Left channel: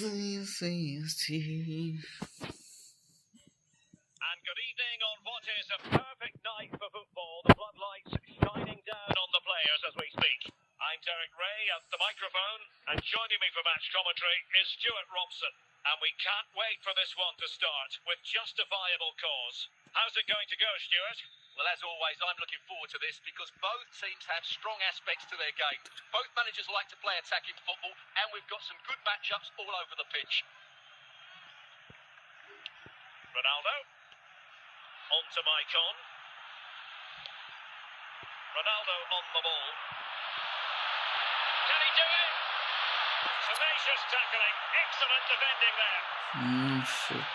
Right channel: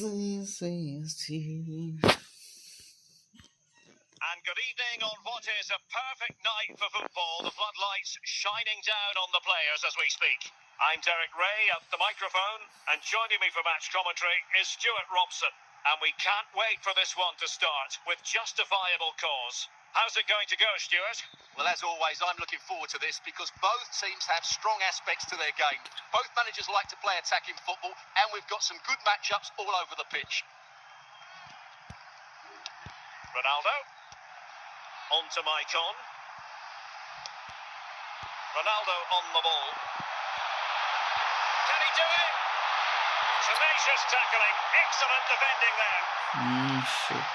Sim, sim, sim. And good evening on what is a perfect night for football. The floodlights shining down on the players as we speak. I'm Derek Ray at the microphone, and joining me for match commentary is Stuart Robson. And we can't wait for this one to start with justifiable cause. How's it going to go, Stuart? Well, as always, I'm looking forward to this because both teams have strong aspects to their game. Both managers like to play attacking football, and we've got some good matchups all over the pitch. Ronaldo. On to Maicon. Ronaldo on the ball. Can he do it? Tenacious tackling. Excellent defending there. Shit.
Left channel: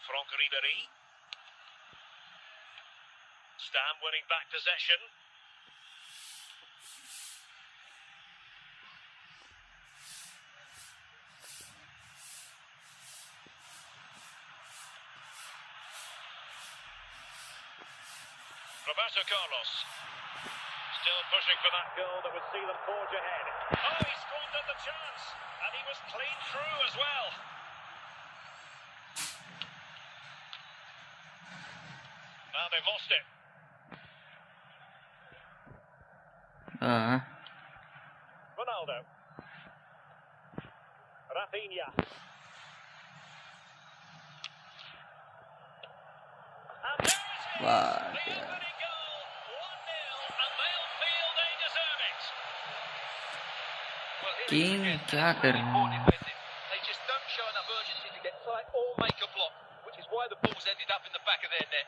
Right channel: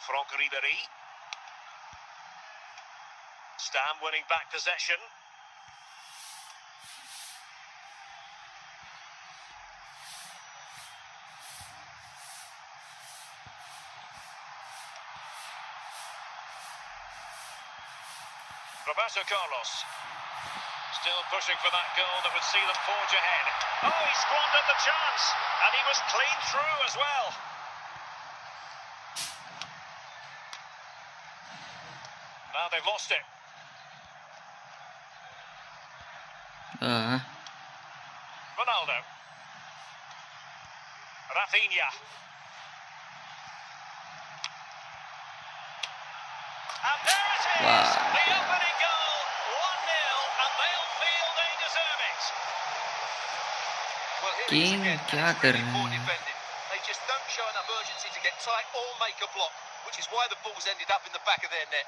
Franck Ribéry. Stam winning back possession. Roberto Carlos. Still pushing for that goal that would see them forge ahead. Oh, he squandered the chance, and he was clean through as well. Now they've lost it. Ronaldo. Rafinha. And there it is! Wow. The opening goal, 1-0, and they'll feel they deserve it. Well, here King, it is again. क्या It's कर really रहे poor हैं? defending. They just don't show enough urgency to get tight or make a block, which is why the ball's ended up in the back of their net.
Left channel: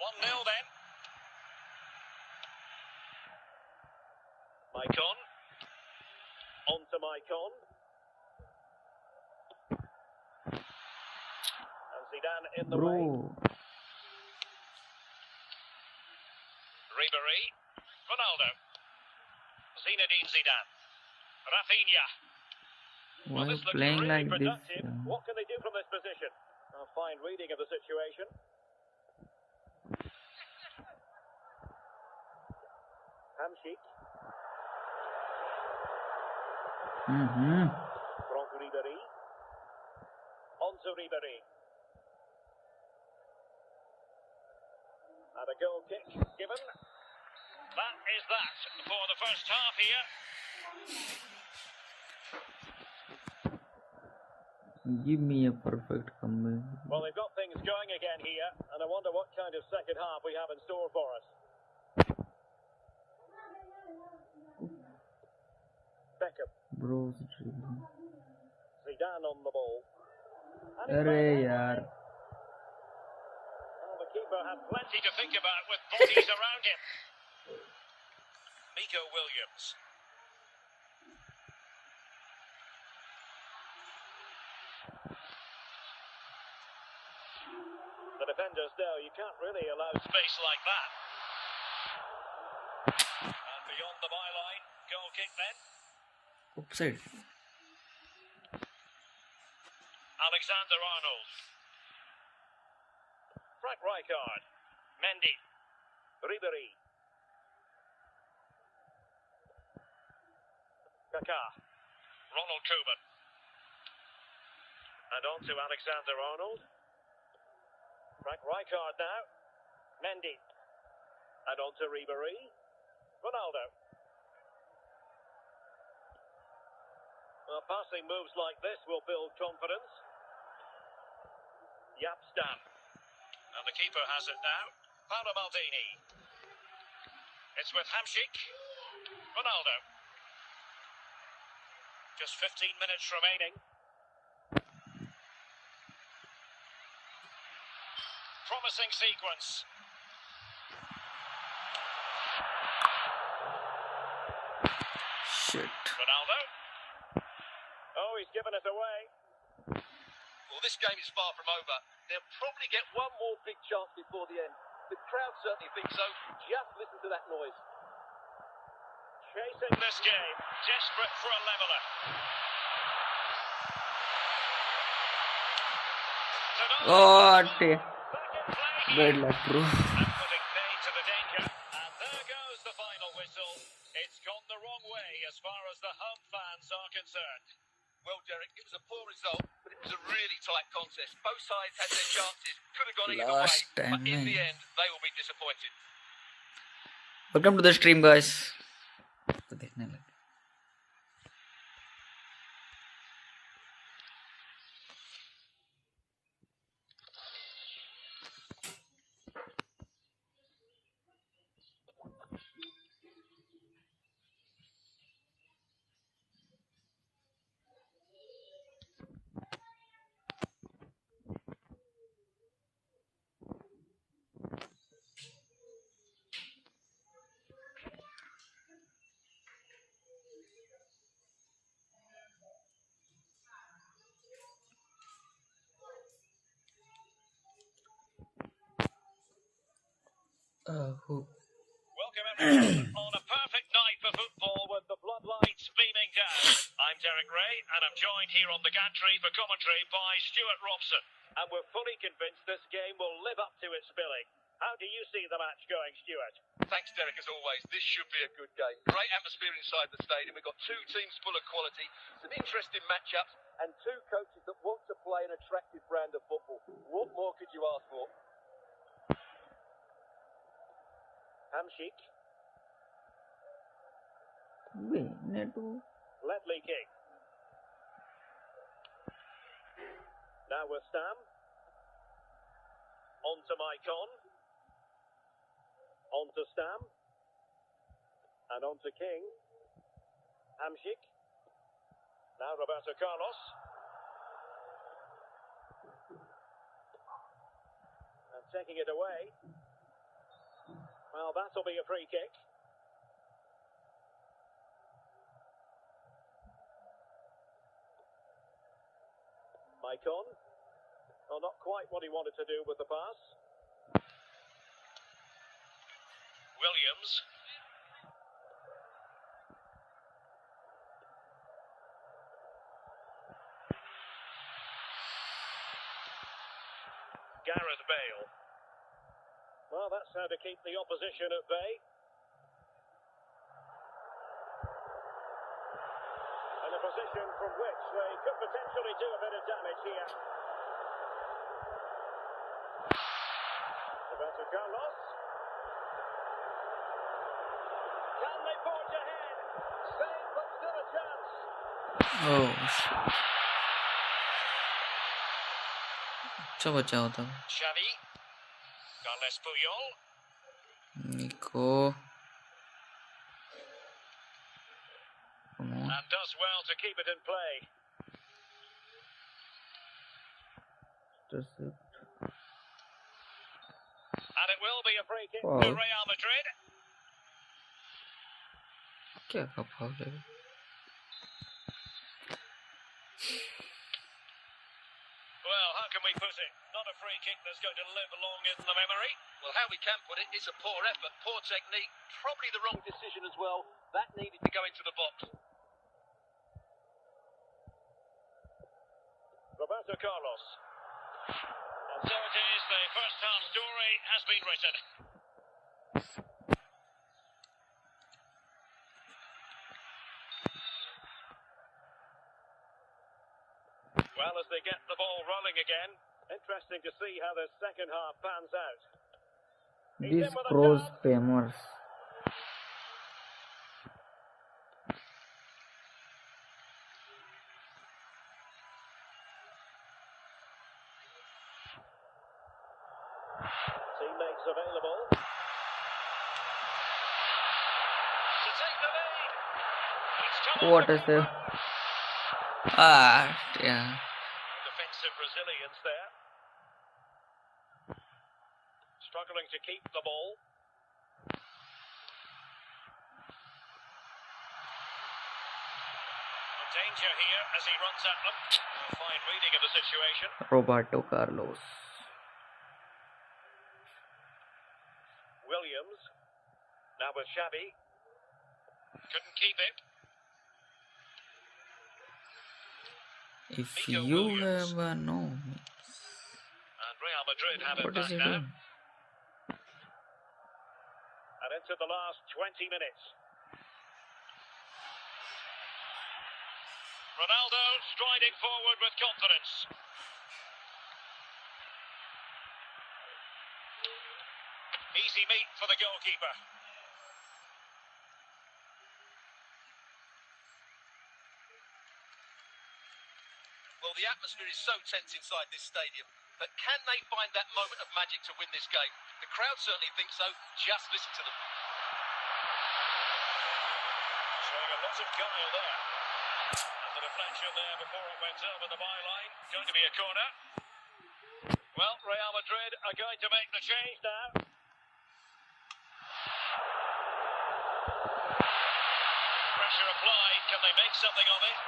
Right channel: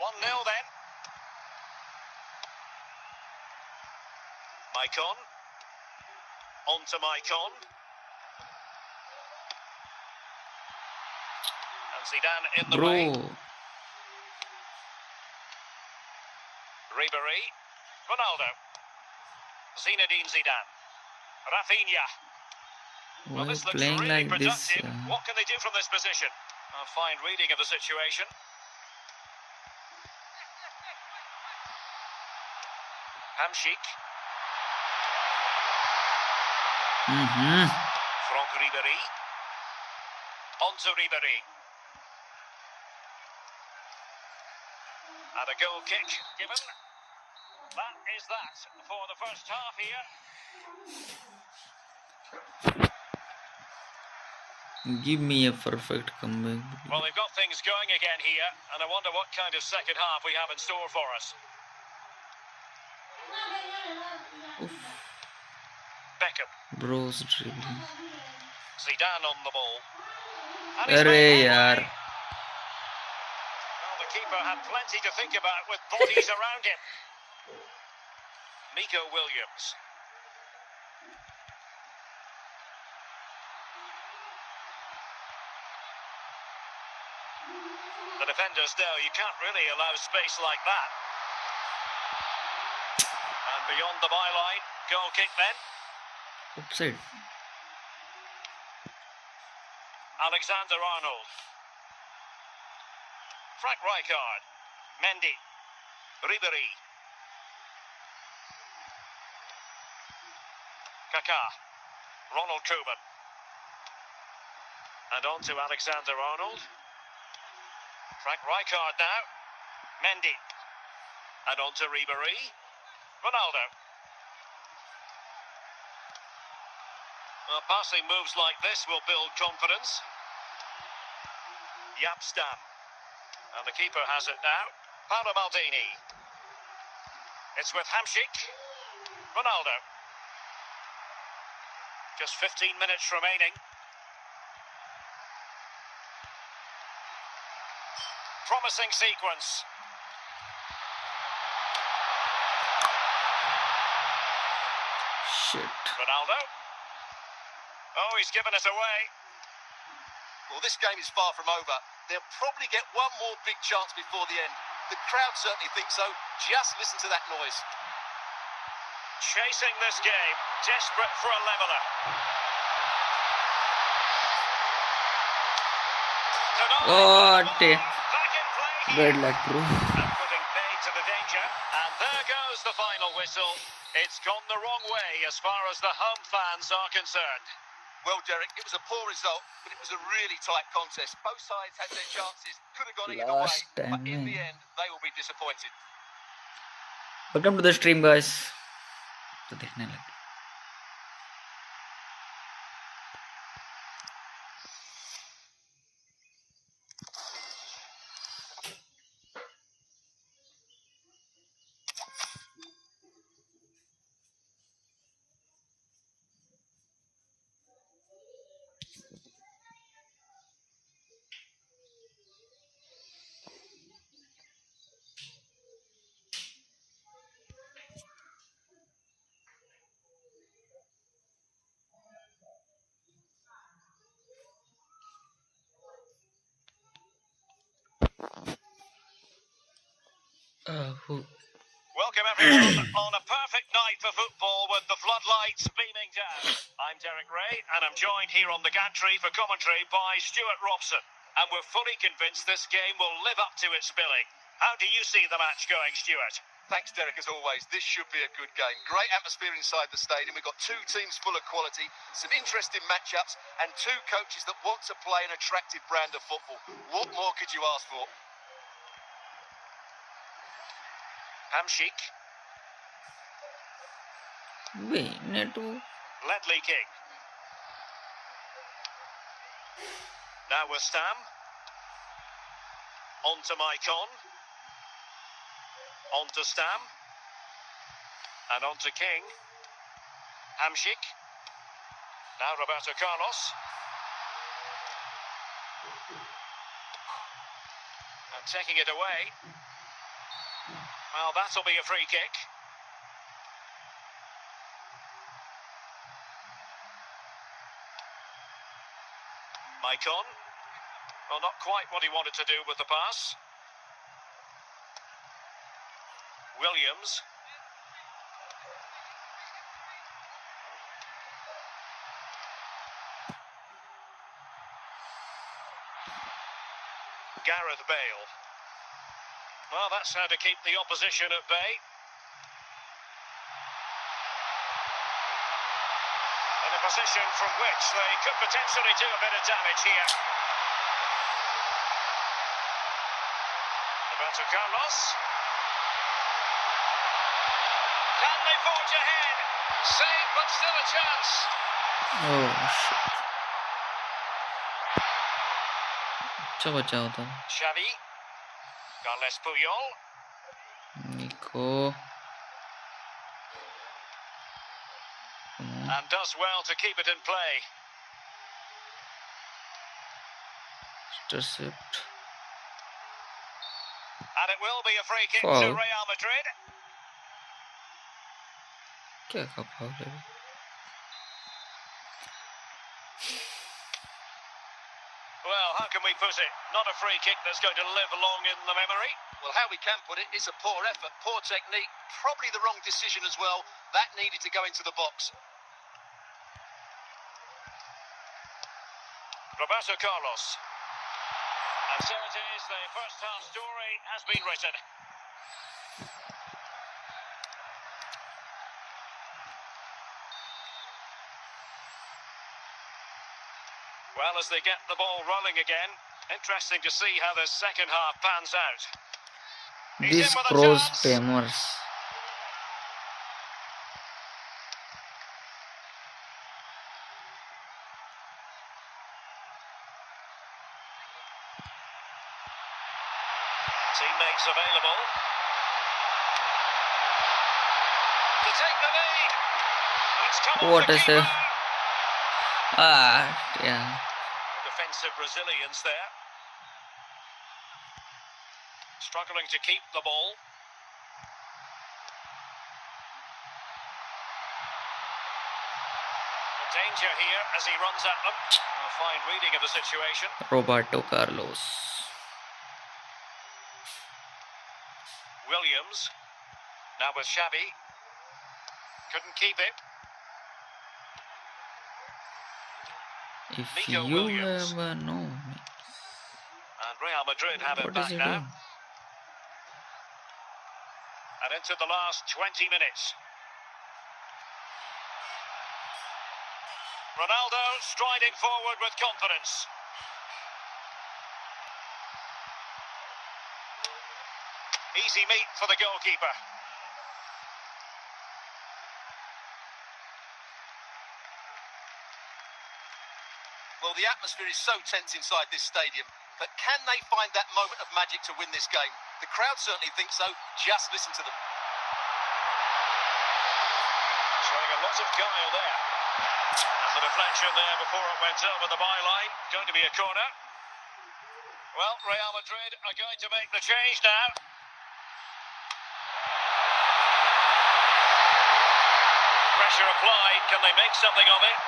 1-0 then. Maicon. On to Maicon. And Zidane in the way. Bro. Ribéry. Ronaldo. Zinedine Zidane. Rafinha. Why This looks playing really like this? productive. What can they do from this position? A fine reading of the situation. Hamsik. Franck Ribéry. On to Ribéry. And a goal kick given. That is that for the first half here. Give me a perfect comeback. Well, they've got things going again here, and I wonder what kind of second half we have in store for us. Beckham. Bro's dribbling. Zidane on the ball. And he's Arre made one yaar. way. Well, the keeper had plenty to think about with bodies around him. Nico Williams. The defenders know you can't really allow space like that. And beyond the byline, goal kick then. Upside. Alexander Arnold. Frank Rijkaard. Mendy. Ribéry. Kaká. Ronald Koeman. And on to Alexander Arnold. Frank Rijkaard now. Mendy. And on to Ribéry. Ronaldo. Well, passing moves like this will build confidence. Jaap Stam. And the keeper has it now. Paolo Maldini. It's with Hamsik. Ronaldo. Just 15 minutes remaining. Promising sequence. Shit. Ronaldo. Oh, he's given us away. Well, this game is far from over. They'll probably get one more big chance before the end. The crowd certainly think so. Just listen to that noise. Chasing this game, desperate for a leveller. Oh, Back in play here. bad luck, bro. And putting paid to the danger. And there goes the final whistle. whistle. It's gone the wrong way as far as the home fans are concerned. Well, Derek, it was a poor result, but it was a really tight contest. Both sides had their chances, could have gone either way, Last but time in the में. end, they will be disappointed. Welcome to the stream, guys. तो देखने लगे. Who? Welcome everyone on a perfect night for football with the floodlights beaming down. I'm Derek Ray and I'm joined here on the gantry for commentary by Stuart Robson. And we're fully convinced this game will live up to its billing. How do you see the match going, Stuart? Thanks, Derek, as always. This should be a good game. Great atmosphere inside the stadium. We've got two teams full of quality, some interesting matchups, and two coaches that want to play an attractive brand of football. What more could you ask for? Hamshik, Network. Ledley King. Now with Stam. On to Maicon. On to Stam. And on to King. Hamshik. Now Roberto Carlos. And taking it away. Well, that'll be a free kick. Maicon. Well, not quite what he wanted to do with the pass. Williams. Gareth Bale. Well, that's how to keep the opposition at bay. In a position from which they could potentially do a bit of damage here. Roberto Carlos. Can they forge ahead? Save, but still a chance. Oh shit. अच्छा बचा होता. Xavi. Carles Puyol. Nico. Come on. And does well to keep it in play. Intercept. And it will be a free kick Foul. to Real Madrid. क्या का foul है? Well, how can we put it? Not a free kick that's going to live long in the memory. Well, how we can put it, it's a poor effort, poor technique, probably the wrong decision as well. That needed to go into the box. Roberto Carlos. And so it is, the first half story has been written. Well, as they get the ball rolling again, interesting to see how the second half pans out. He's These in with a cross chance. spammers. Teammates available. To take the lead. It's come off What the is keeper. it? Ah, yeah. Defensive resilience there. Struggling to keep the ball. A danger here as he runs at them. A fine reading of the situation. Roberto Carlos. Williams. Now with Xavi. Couldn't keep it. If Nico you Williams. have no, And Real Madrid have it what is back he now. doing? And into the last 20 minutes. Ronaldo striding forward with confidence. Easy meat for the goalkeeper. Well, the atmosphere is so tense inside this stadium, but can they find that moment of magic to win this game? The crowd certainly thinks so. Just listen to them. Showing a lot of guile there. And the deflection there before it went over the byline. Going to be a corner. Well, Real Madrid are going to make the change now. Pressure applied. Can they make something of it?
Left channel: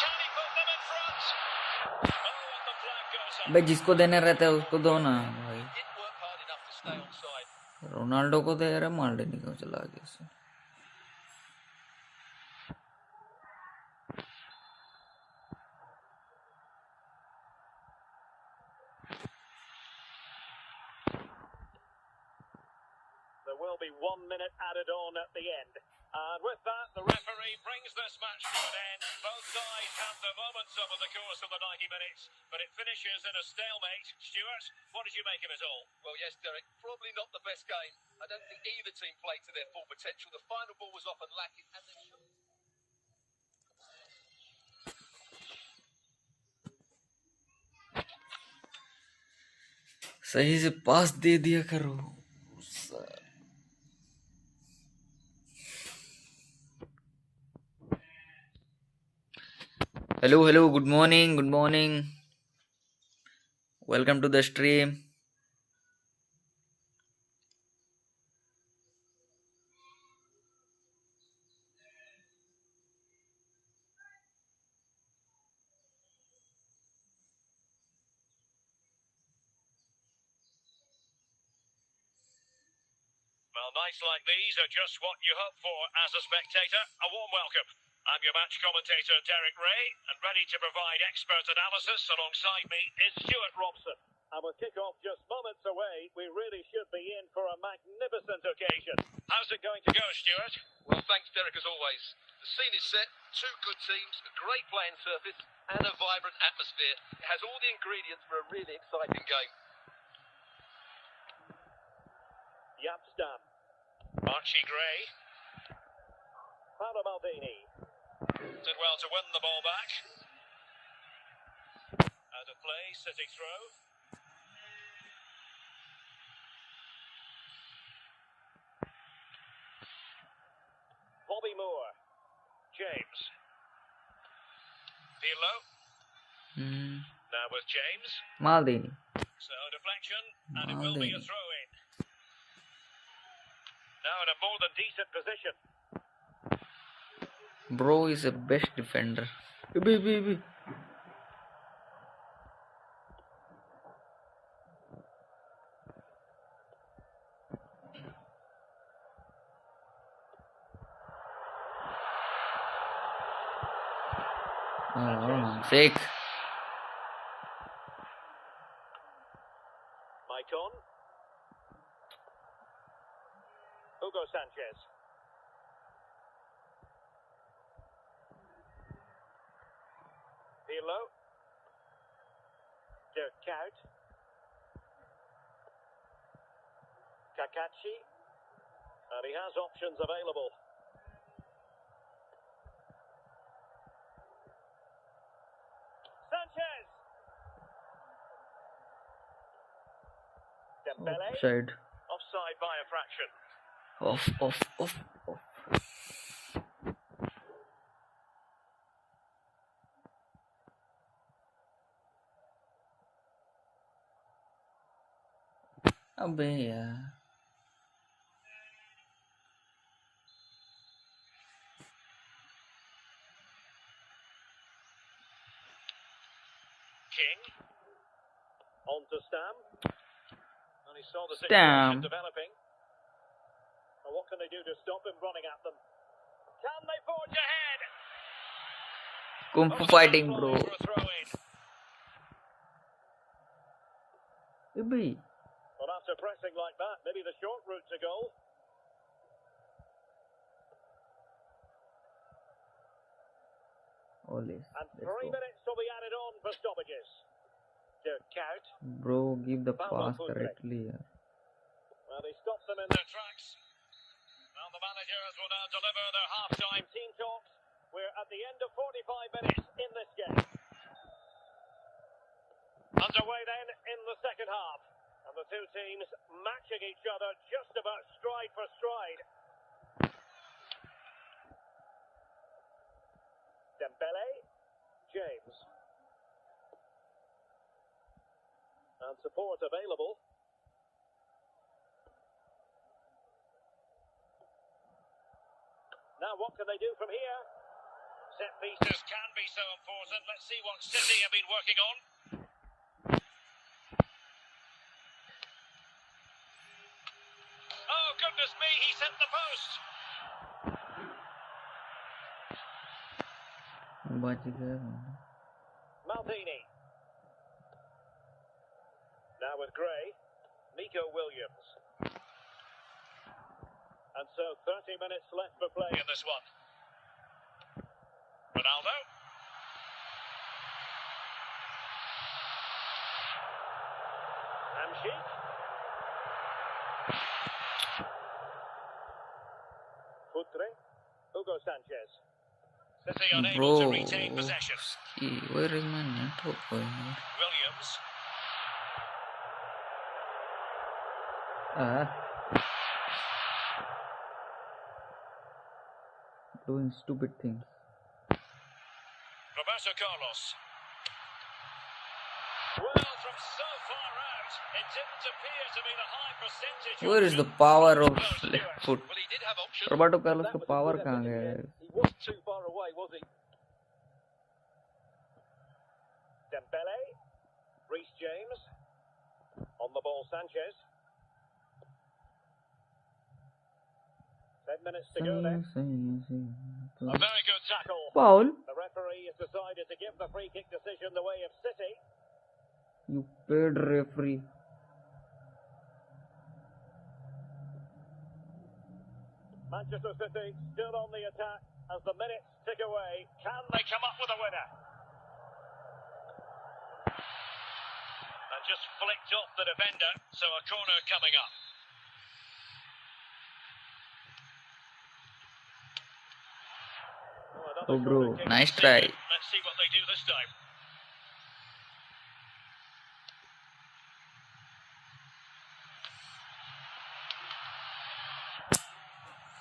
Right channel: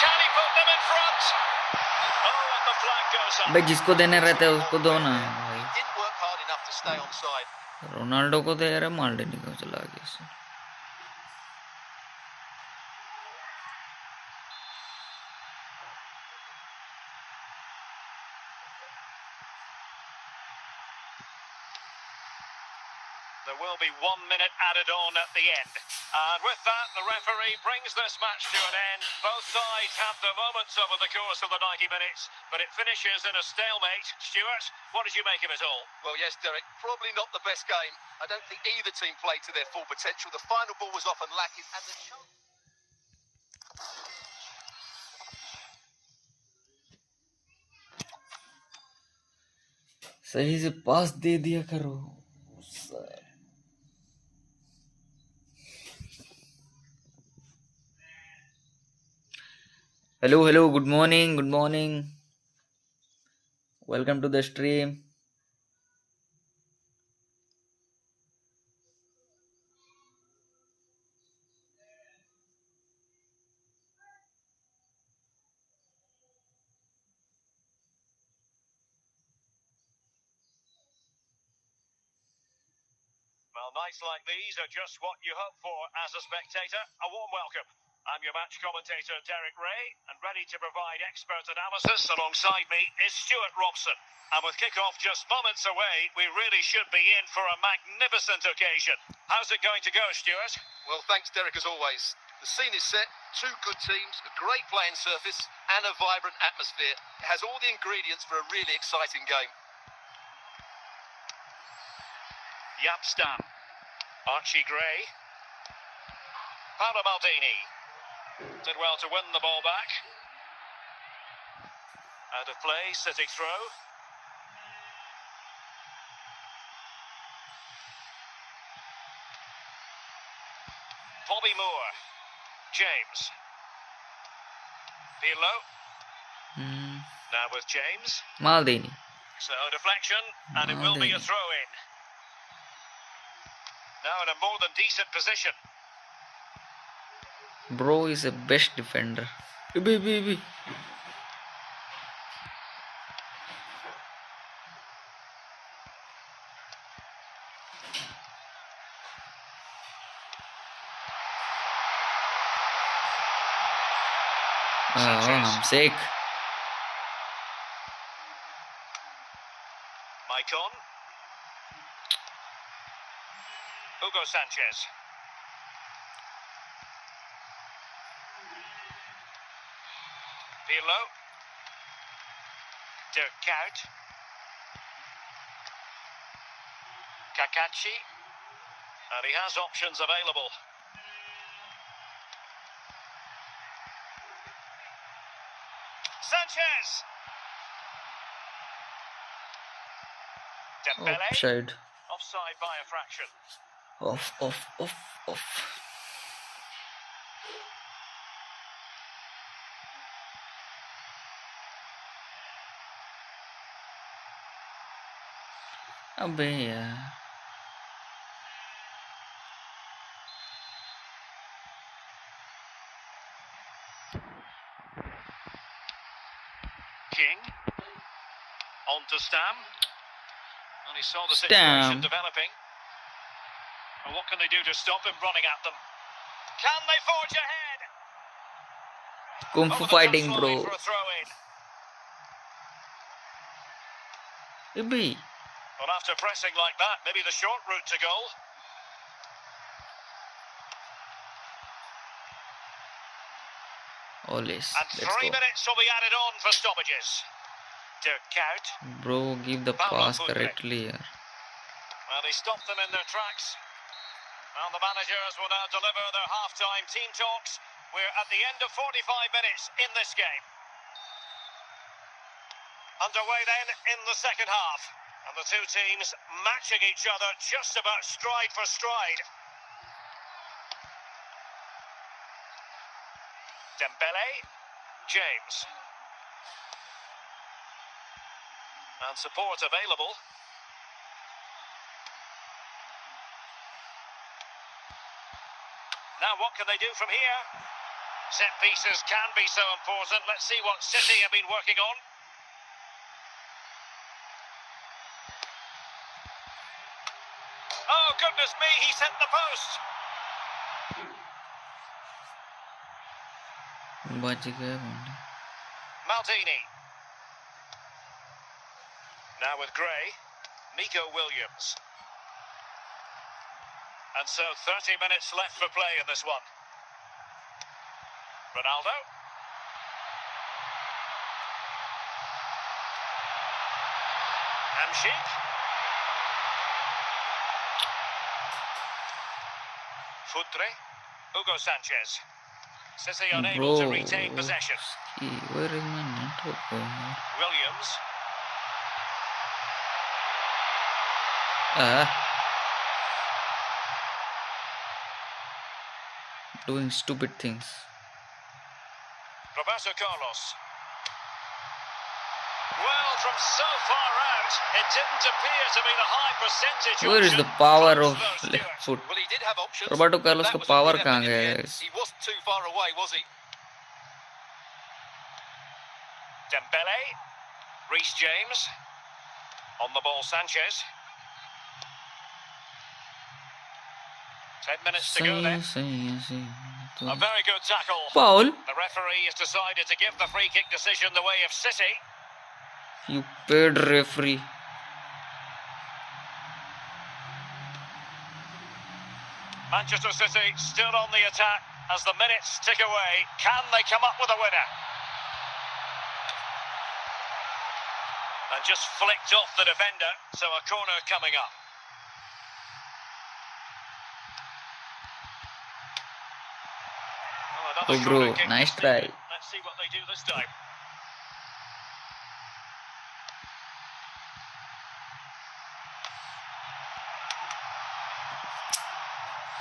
Can he put them in front? Oh, and the flag goes up. भाई जिसको देने रहता है उसको दो ना भाई. Didn't work hard enough to stay onside. Ronaldo को दे रहा, माल्डिनी को चला गया इससे. There will be 1 minute added on at the end. And with that, the referee brings this match to an end. Both sides have their moments over the course of the 90 minutes, but it finishes in a stalemate. Stuart, what did you make of it all? Well, yes, Derek, probably not the best game. I don't think either team played to their full potential. The final ball was often lacking, and the सही से पास दे दिया करो. Hello, good morning. Welcome to the stream. Well, nights like these are just what you hope for as a spectator. A warm welcome. I'm your match commentator, Derek Ray, and ready to provide expert analysis alongside me is Stuart Robson. And with kick-off just moments away, we really should be in for a magnificent occasion. How's it going to go, Stuart? Well, thanks, Derek, as always. The scene is set, two good teams, a great playing surface, and a vibrant atmosphere. It has all the ingredients for a really exciting game. Yapstam. Archie Gray. Paolo Maldini. Did well to win the ball back. Out of play, City throw. Bobby Moore. James. Pirlo. Now with James. Maldini. So deflection, and it will be a throw-in. Now in a more than decent position. Bro is a best defender. Baby. I'm sick. Maicon. Hugo Sanchez. Pirlo. Dirk Kuyt. Kakachi. And he has options available. Sanchez. Dembele. Offside. Offside by a fraction. Off. अबे यार. King. On to Stam. And he saw the Stam. situation developing. And what can they do to stop him running at them? Can they forge ahead? Kung Fu fighting, bro. For a throw-in. Ibi. Well, after pressing like that, maybe the short route to goal. Always. And Let's 3 go. minutes will be added on for stoppages. Dirk Kuyt. Bro, give the Paulo pass Futre. correctly here. Well, he stopped them in their tracks. And the managers will now deliver their half-time team talks. We're at the end of 45 minutes in this game. Underway then in the second half. And the two teams matching each other just about stride for stride. Dembele. James. And support available. Now what can they do from here? Set pieces can be so important. Let's see what City have been working on. Oh, goodness me, he's hit the post. बच गया बंदा. Maldini. Now with Gray. Nico Williams. And so 30 minutes left for play in this one. Ronaldo. Hamsik. Futre. Hugo Sanchez. City unable to retain possession. Where is my network going here? Williams. Doing stupid things. Roberto Carlos. Well, from so far out, it didn't appear to be the high percentage. Where is the option. power Close of though, left Stuart. foot? Well, he did have options. Roberto but Carlos that का was a power good कहाँ effort in गया the end. guys? He wasn't too far away, was he? Dembele. Reece James. On the ball, Sanchez. 10 minutes to go then. A very good tackle. Foul. The referee has decided to give the free kick decision the way of City. You paid referee. Manchester City still on the attack as the minutes tick away. Can they come up with a winner? And just flicked off the defender, so a corner coming up. Oh bro, nice try. Let's see what they do this time.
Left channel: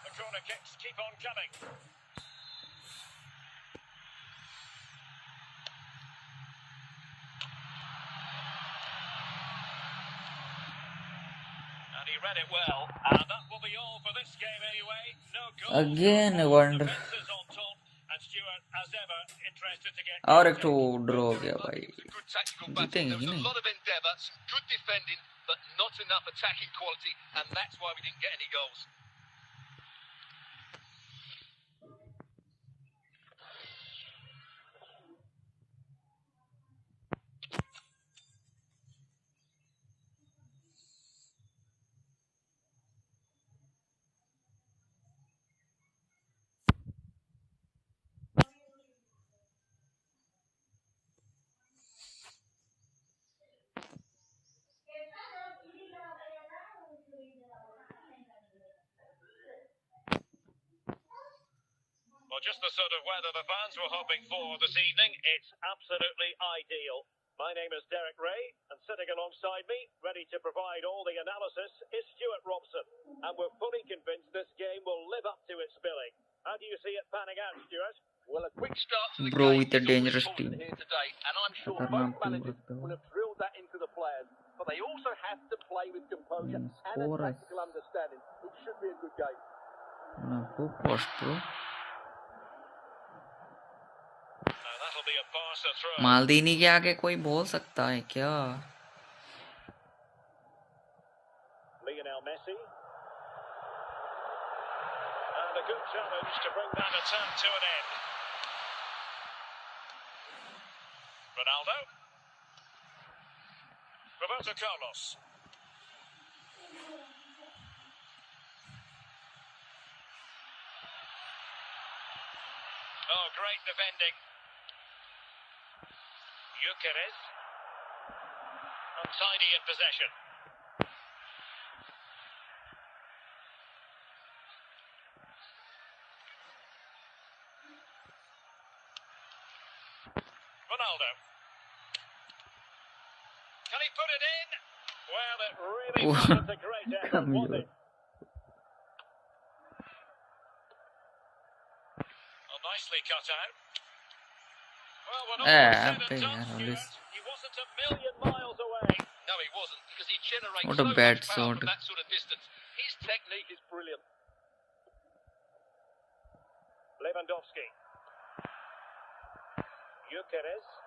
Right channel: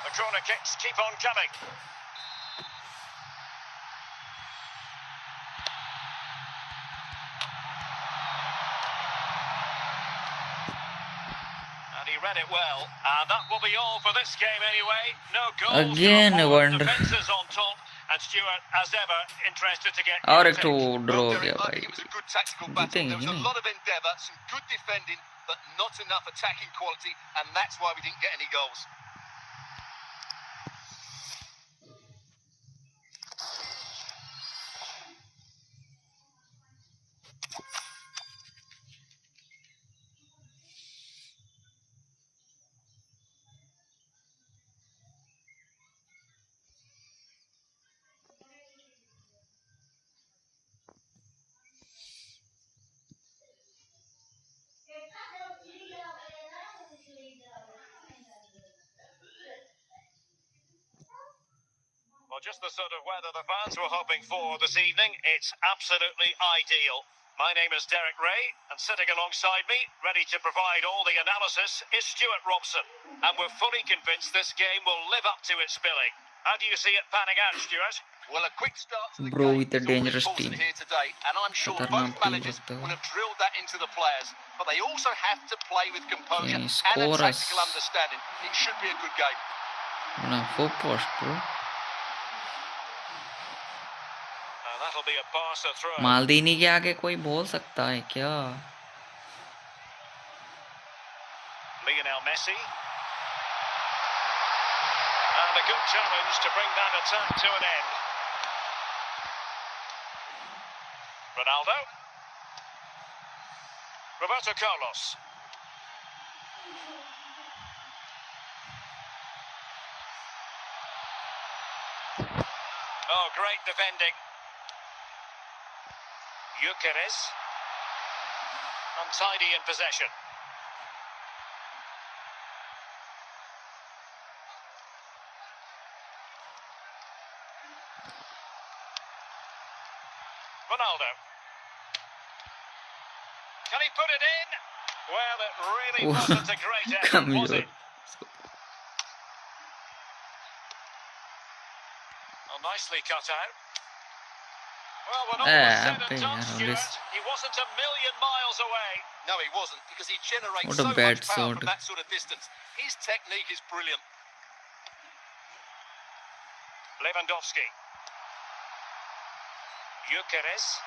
The corner kicks keep on coming. And he read it well. And that will be all for this game anyway. No goals. Again, I wonder. Defenses on top. And Stuart, as ever, interested to get और your एक तो take. Draw हो Derek, गया I भाई. think it was a good tactical battle. जीतेंगे There कि was a नहीं? lot of endeavour, some good defending, but not enough attacking quality, and that's why we didn't get any goals. Well, just the sort of weather the fans were hoping for this evening. It's absolutely ideal. My name is Derek Ray, and sitting alongside me, ready to provide all the analysis, is Stuart Robson. And we're fully convinced this game will live up to its billing. How do you see it panning out, Stuart? Well, a quick start to the Bro, game with a is always dangerous important team. here today, and I'm sure खतरनाक both team managers लगता है. will have drilled that into the players, but they also have to play with composure Yeah, and a score us. tactical understanding. It should be a good game. Bana full post bro. And that'll be a Barca throw. मालदीनी के आगे कोई बोल सकता है क्या? Lionel Messi. And a good challenge to bring that attack to an end. Ronaldo. Roberto Carlos. great defending. Gyökeres. Untidy in possession. Ronaldo. Can he put it in? Well, it really wasn't a great effort, was it? Oh, nicely cut out. Well, when all was said and done, Stuart, he wasn't a million miles away. No, he wasn't, because he generates What so a bad much power shot. from that sort of distance. His technique is brilliant. Lewandowski. Gyökeres.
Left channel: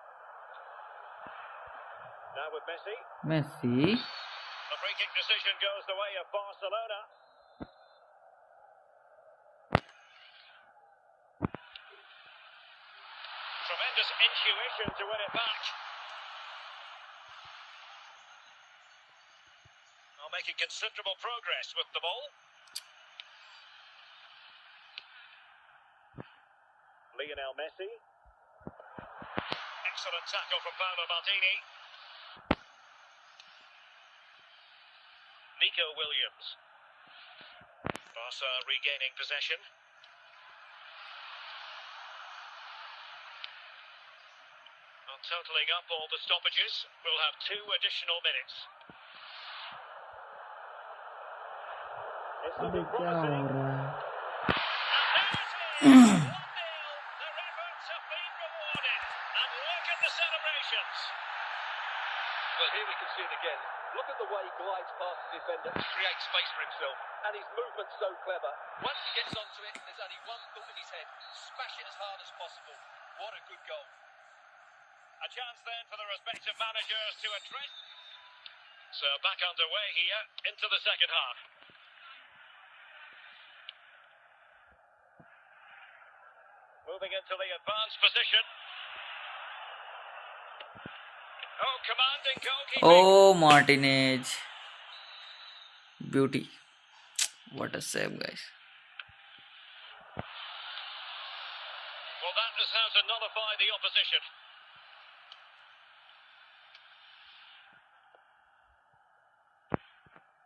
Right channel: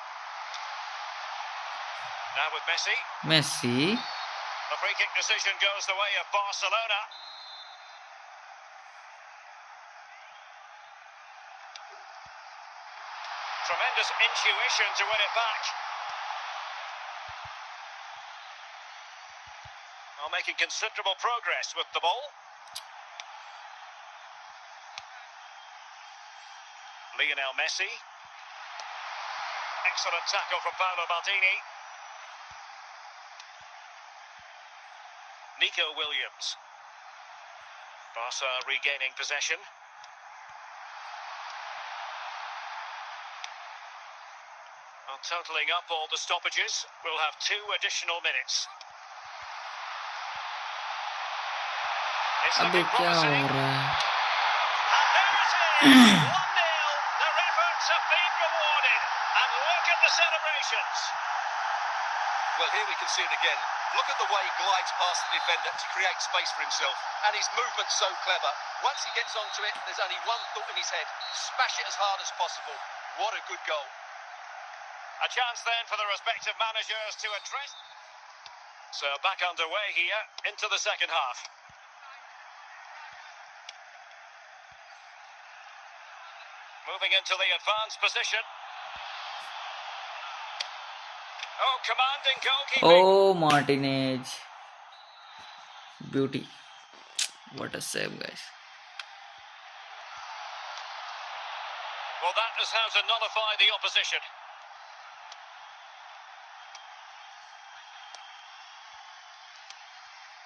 Now with Messi. Messi. The free kick decision goes the way of Barcelona. Tremendous intuition to win it back. Well, making considerable progress with the ball. Lionel Messi. Excellent tackle from Paolo Maldini. Nico Williams. Barca regaining possession. Well, totalling up all the stoppages, we'll have 2 additional minutes. It's looking promising. And there it is! 1-0. Their efforts have been rewarded. And look at the celebrations. Well, here we can see it again. Look at the way he glides past the defender to create space for himself. And his movement's so clever. Once he gets onto it, there's only one thought in his head. Smash it as hard as possible. What a good goal. A chance then for the respective managers to address. So back underway here into the second half. Moving into the advanced position. Oh, commanding goalkeeping. Oh, Martinez. Beauty. What a save, guys. Well, that is how to nullify the opposition.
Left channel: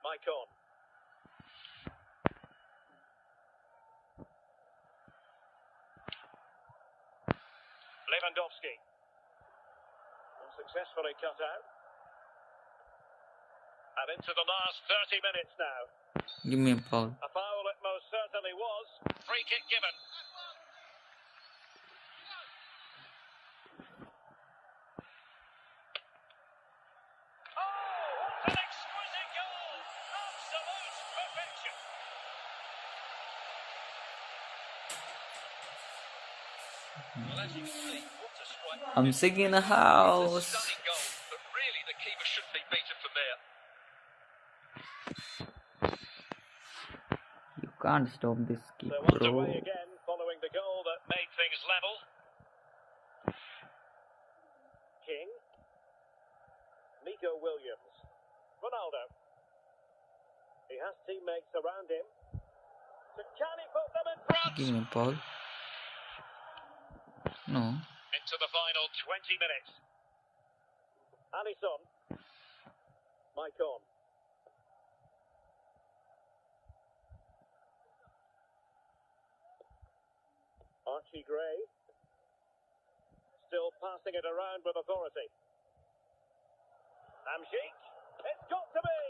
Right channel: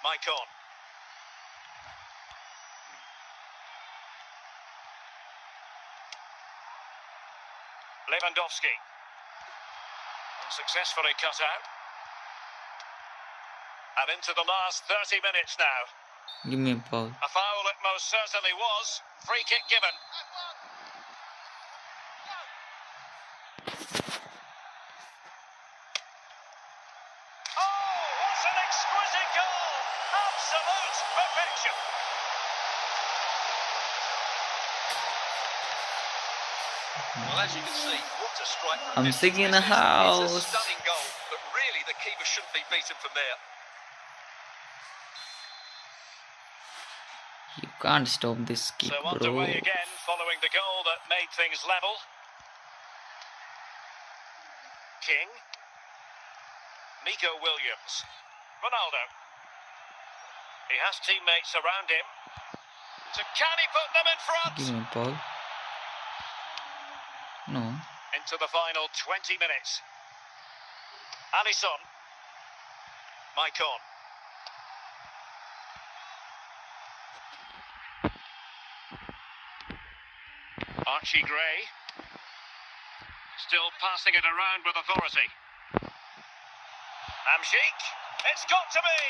Maicon. Lewandowski. Successfully cut out. And into the last 30 minutes now. Give me a foul. A foul it most certainly was. Free kick given. Oh, what an exquisite goal! Absolute perfection. Well, as you can see, what a strike. I'm singing in a It's a house. stunning goal, but really the keeper shouldn't be beaten from there. You can't stop this kick, So bro. underway again, following the goal that made things level. King. Nico Williams. Ronaldo. He has teammates around him. So can he put them in front? Give me a foul. No. Into the final 20 minutes. Alisson. Maicon. Archie Gray. Still passing it around with authority. Hamsik. It's got to be.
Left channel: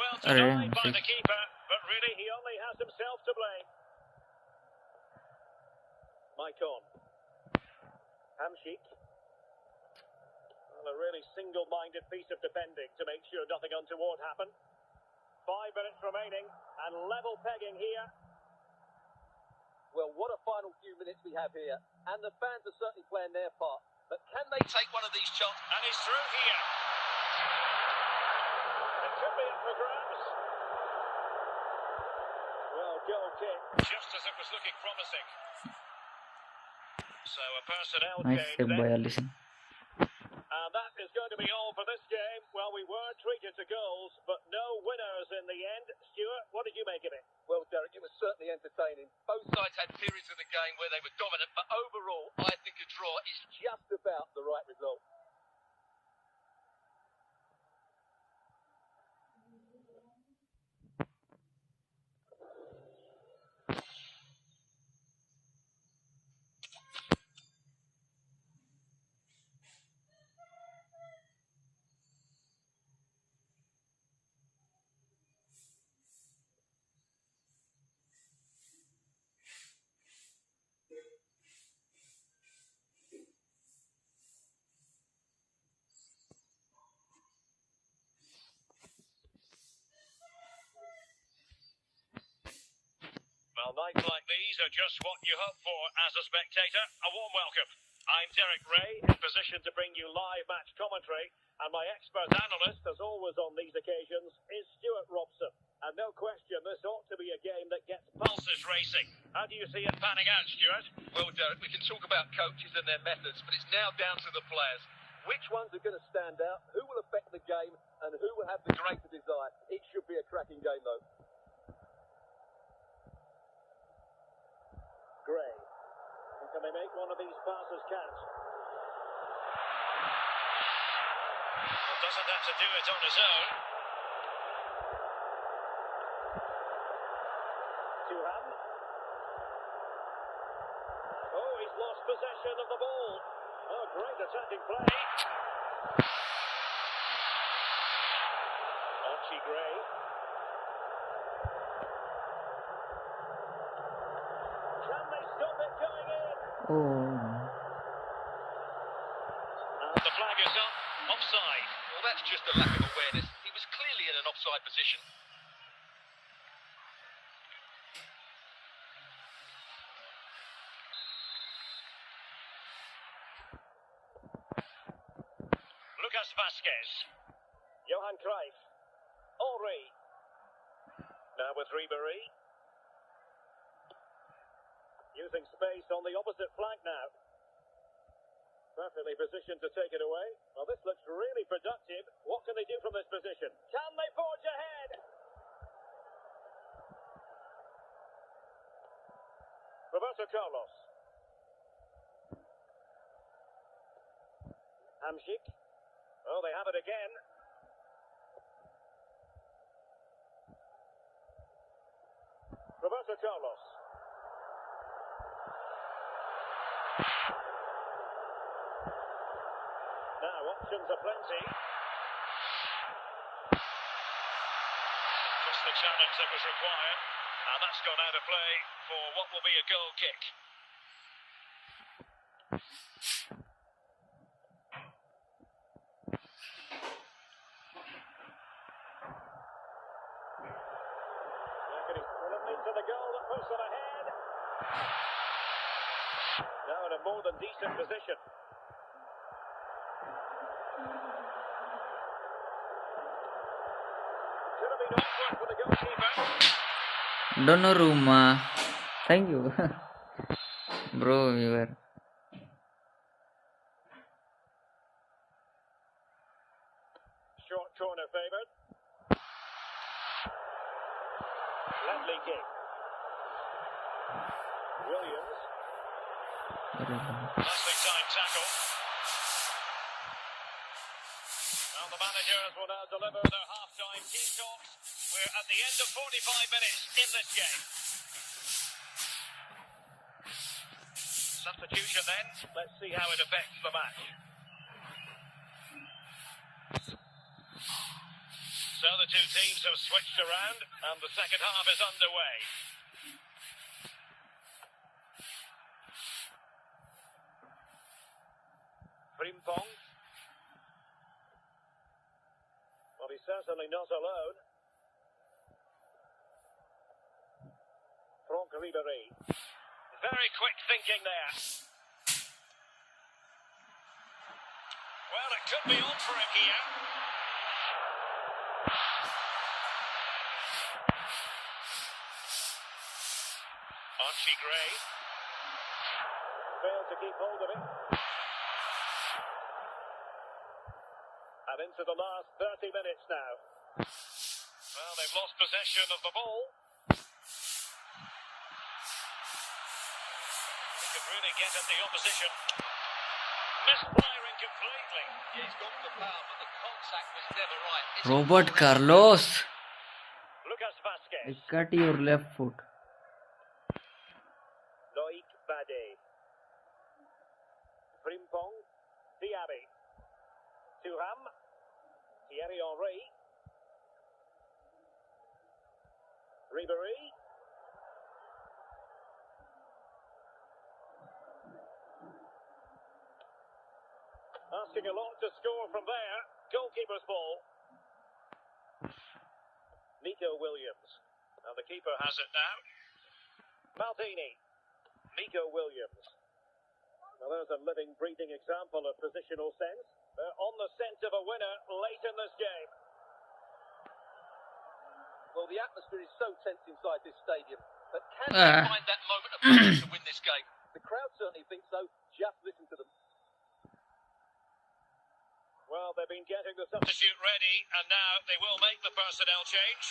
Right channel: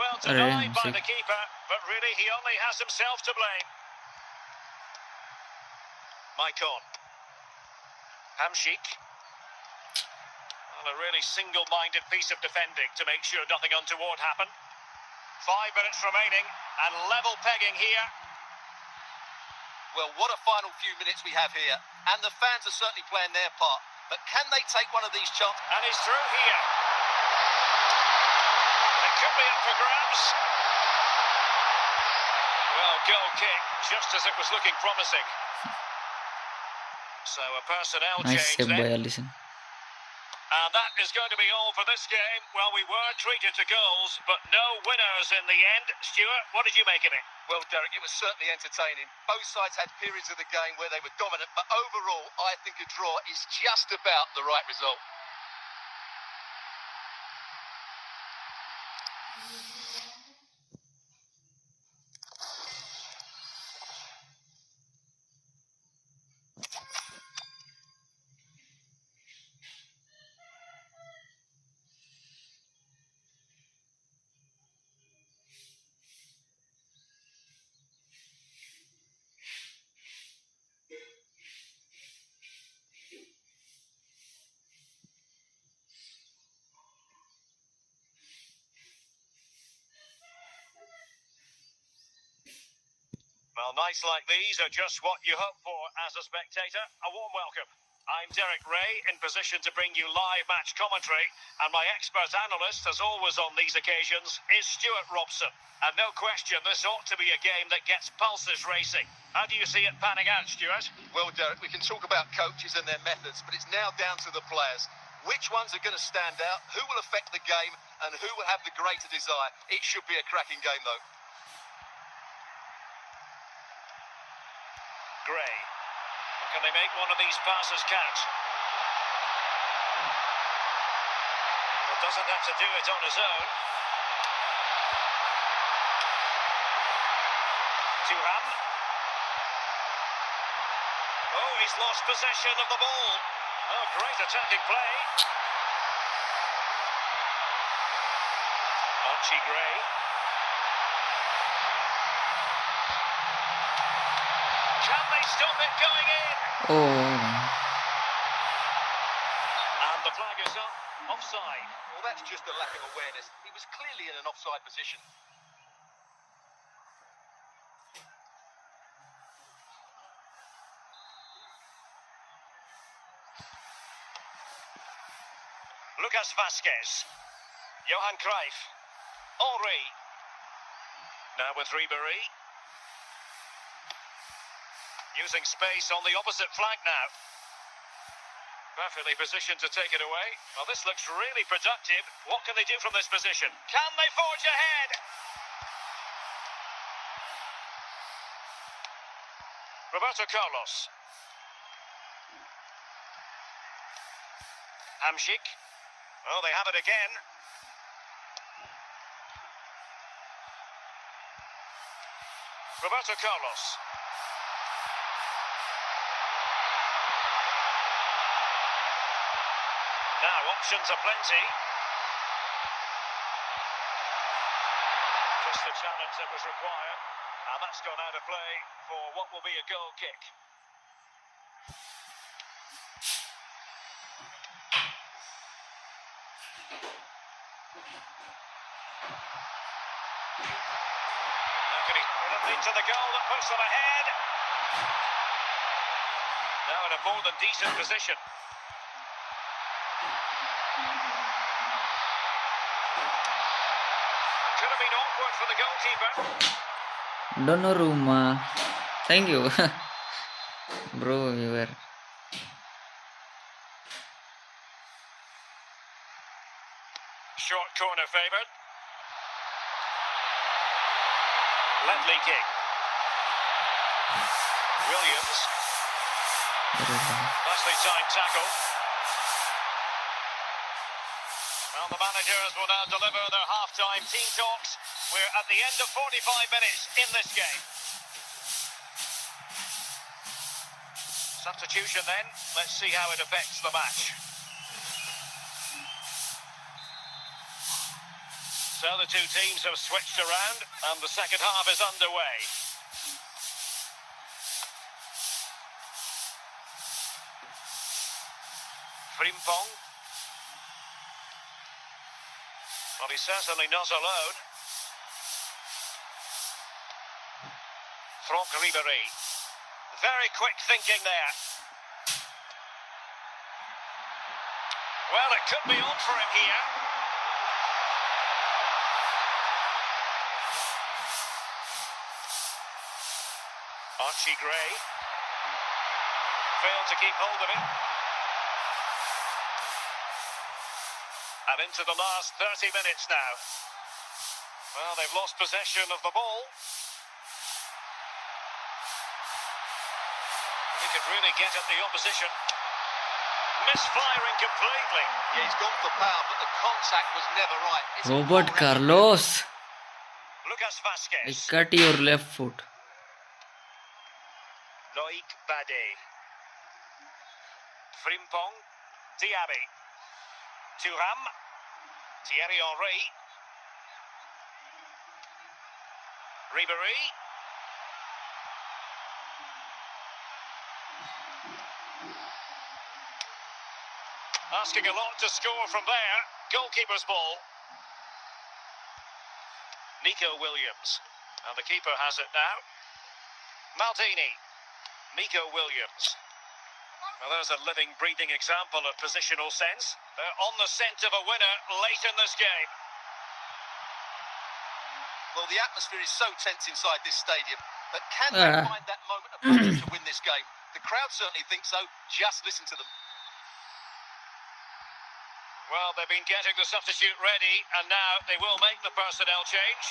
Well denied by the keeper, but really he only has himself to blame. Maicon. Hamsik. Well, a really single-minded piece of defending to make sure nothing untoward happened. 5 minutes remaining and level pegging here. Well, what a final few minutes we have here. And the fans are certainly playing their part. But can they take one of these chances? And he's through here. It could be up for grabs. Well, goal kick, just as it was looking promising. So a personnel Nice change save by then. Alisson. And that is going to be all for this game. Well, we were treated to goals, but no winners in the end. Stuart, what did you make of it? Well, Derek, it was certainly entertaining. Both sides had periods of the game where they were dominant, but overall, I think a draw is just about the right result. Well, nights like these are just what you hope for as a spectator. A warm welcome. I'm Derek Ray, in position to bring you live match commentary, and my expert analyst, as always on these occasions, is Stuart Robson. And no question, this ought to be a game that gets pulses racing. How do you see it panning out, Stuart? Well, Derek, we can talk about coaches and their methods, but it's now down to the players. Which ones are going to stand out, who will affect the game, and who will have the greater desire? It should be a cracking game, though. Gray. Can they make one of these passes count? Well, doesn't have to do it on his own. Thuram. Oh, he's lost possession of the ball. Oh, great attacking play. Archie Gray. Can they stop it going in? Oh, And the flag is up. Offside. Well, that's just a lack of awareness. He was clearly in an offside position. Lucas Vasquez. Johan Cruyff. Henry. Now with Ribéry. Using space on the opposite flank now. Perfectly positioned to take it away. Well, this looks really productive. What can they do from this position? Can they forge ahead? Roberto Carlos. Hamšík. Oh, they have it again. Roberto Carlos. Now, options are plenty. Just the challenge that was required. And that's gone out of play for what will be a goal kick. Now can he into the goal that puts them ahead? Now in a more than decent position. Could have been awkward for the goalkeeper. Donnarumma. Thank you. Bro, you were. Short corner favoured. Ledley kick. Williams. Nicely timed tackle. Well, the managers will now deliver their half-time team talks. We're at the end of 45 minutes in this game. Substitution then. Let's see how it affects the match. So the two teams have switched around and the second half is underway. Frimpong. Well, he's certainly not alone. Franck Ribéry. Very quick thinking there. Well, it could be on for him here. Archie Gray. Failed to keep hold of it. And into the last 30 minutes now. Well, they've lost possession of the ball. He could really get at the opposition. Misfiring completely. Yeah, he's gone for power, but the contact was never right. Robert Carlos, Lucas I Vasquez. cut your left foot. Loic Bade. Frimpong. Diaby. Thuram. Thierry Henry. Ribéry. Asking a lot to score from there. Goalkeeper's ball. Nico Williams. And the keeper has it now. Maldini. Nico Williams. Well, there's a living, breathing example of positional sense. They're on the scent of a winner late in this game. Well, the atmosphere is so tense inside this stadium, but can they find that moment of magic to win this game? The crowd certainly think so. Just listen to them. Well, they've been getting the substitute ready, and now they will make the personnel change.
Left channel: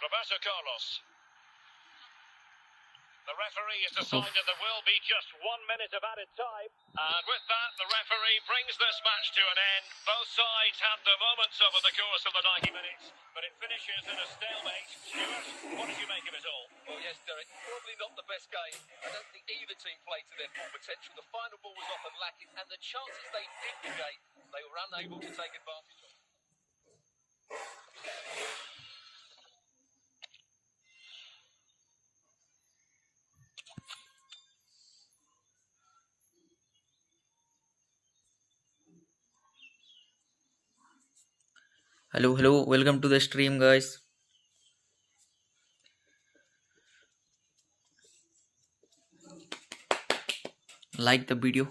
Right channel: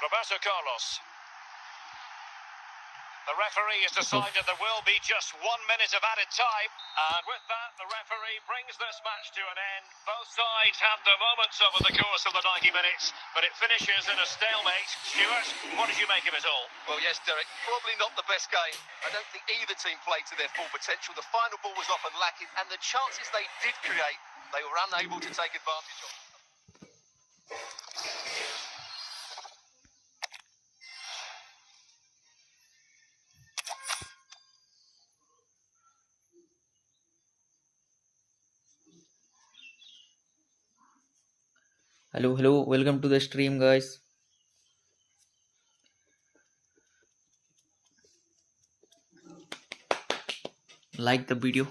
Roberto Carlos. The referee has decided there will be just 1 minute of added time. And with that, the referee brings this match to an end. Both sides had their moments over the course of the 90 minutes, but it finishes in a stalemate. Stuart, what did you make of it all? Well, yes, Derek, probably not the best game. I don't think either team played to their full potential. The final ball was often lacking, and the chances they did create, they were unable to take advantage of. Hello, welcome to the stream, guys. Like the video.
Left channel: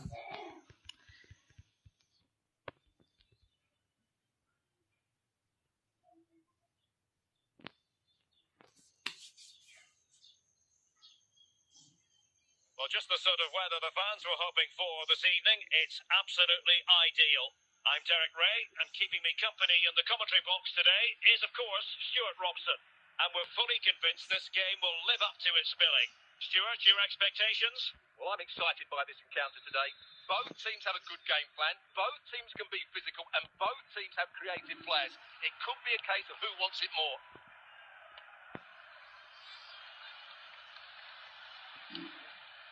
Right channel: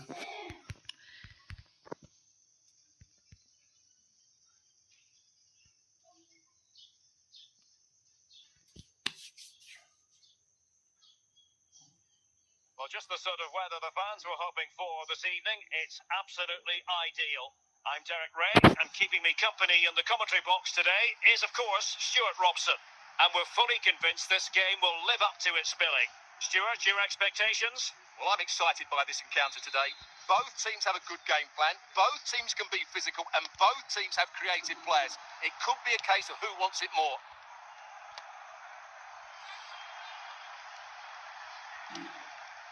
Well, just the sort of weather the fans were hoping for this evening. It's absolutely ideal. I'm Derek Ray, and keeping me company in the commentary box today is, of course, Stuart Robson. And we're fully convinced this game will live up to its billing. Stuart, your expectations? Well, I'm excited by this encounter today. Both teams have a good game plan, both teams can be physical, and both teams have creative players. It could be a case of who wants it more.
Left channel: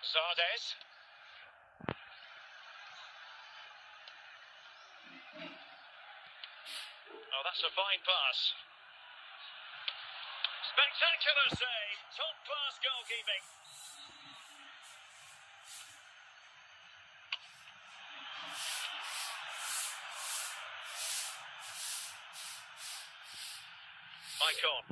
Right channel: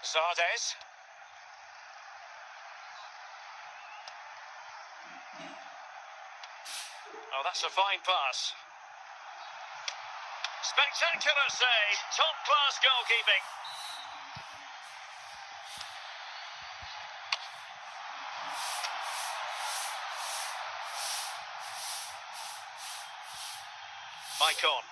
Zardes. Oh, that's a fine pass. Spectacular save, top-class goalkeeping. Maicon.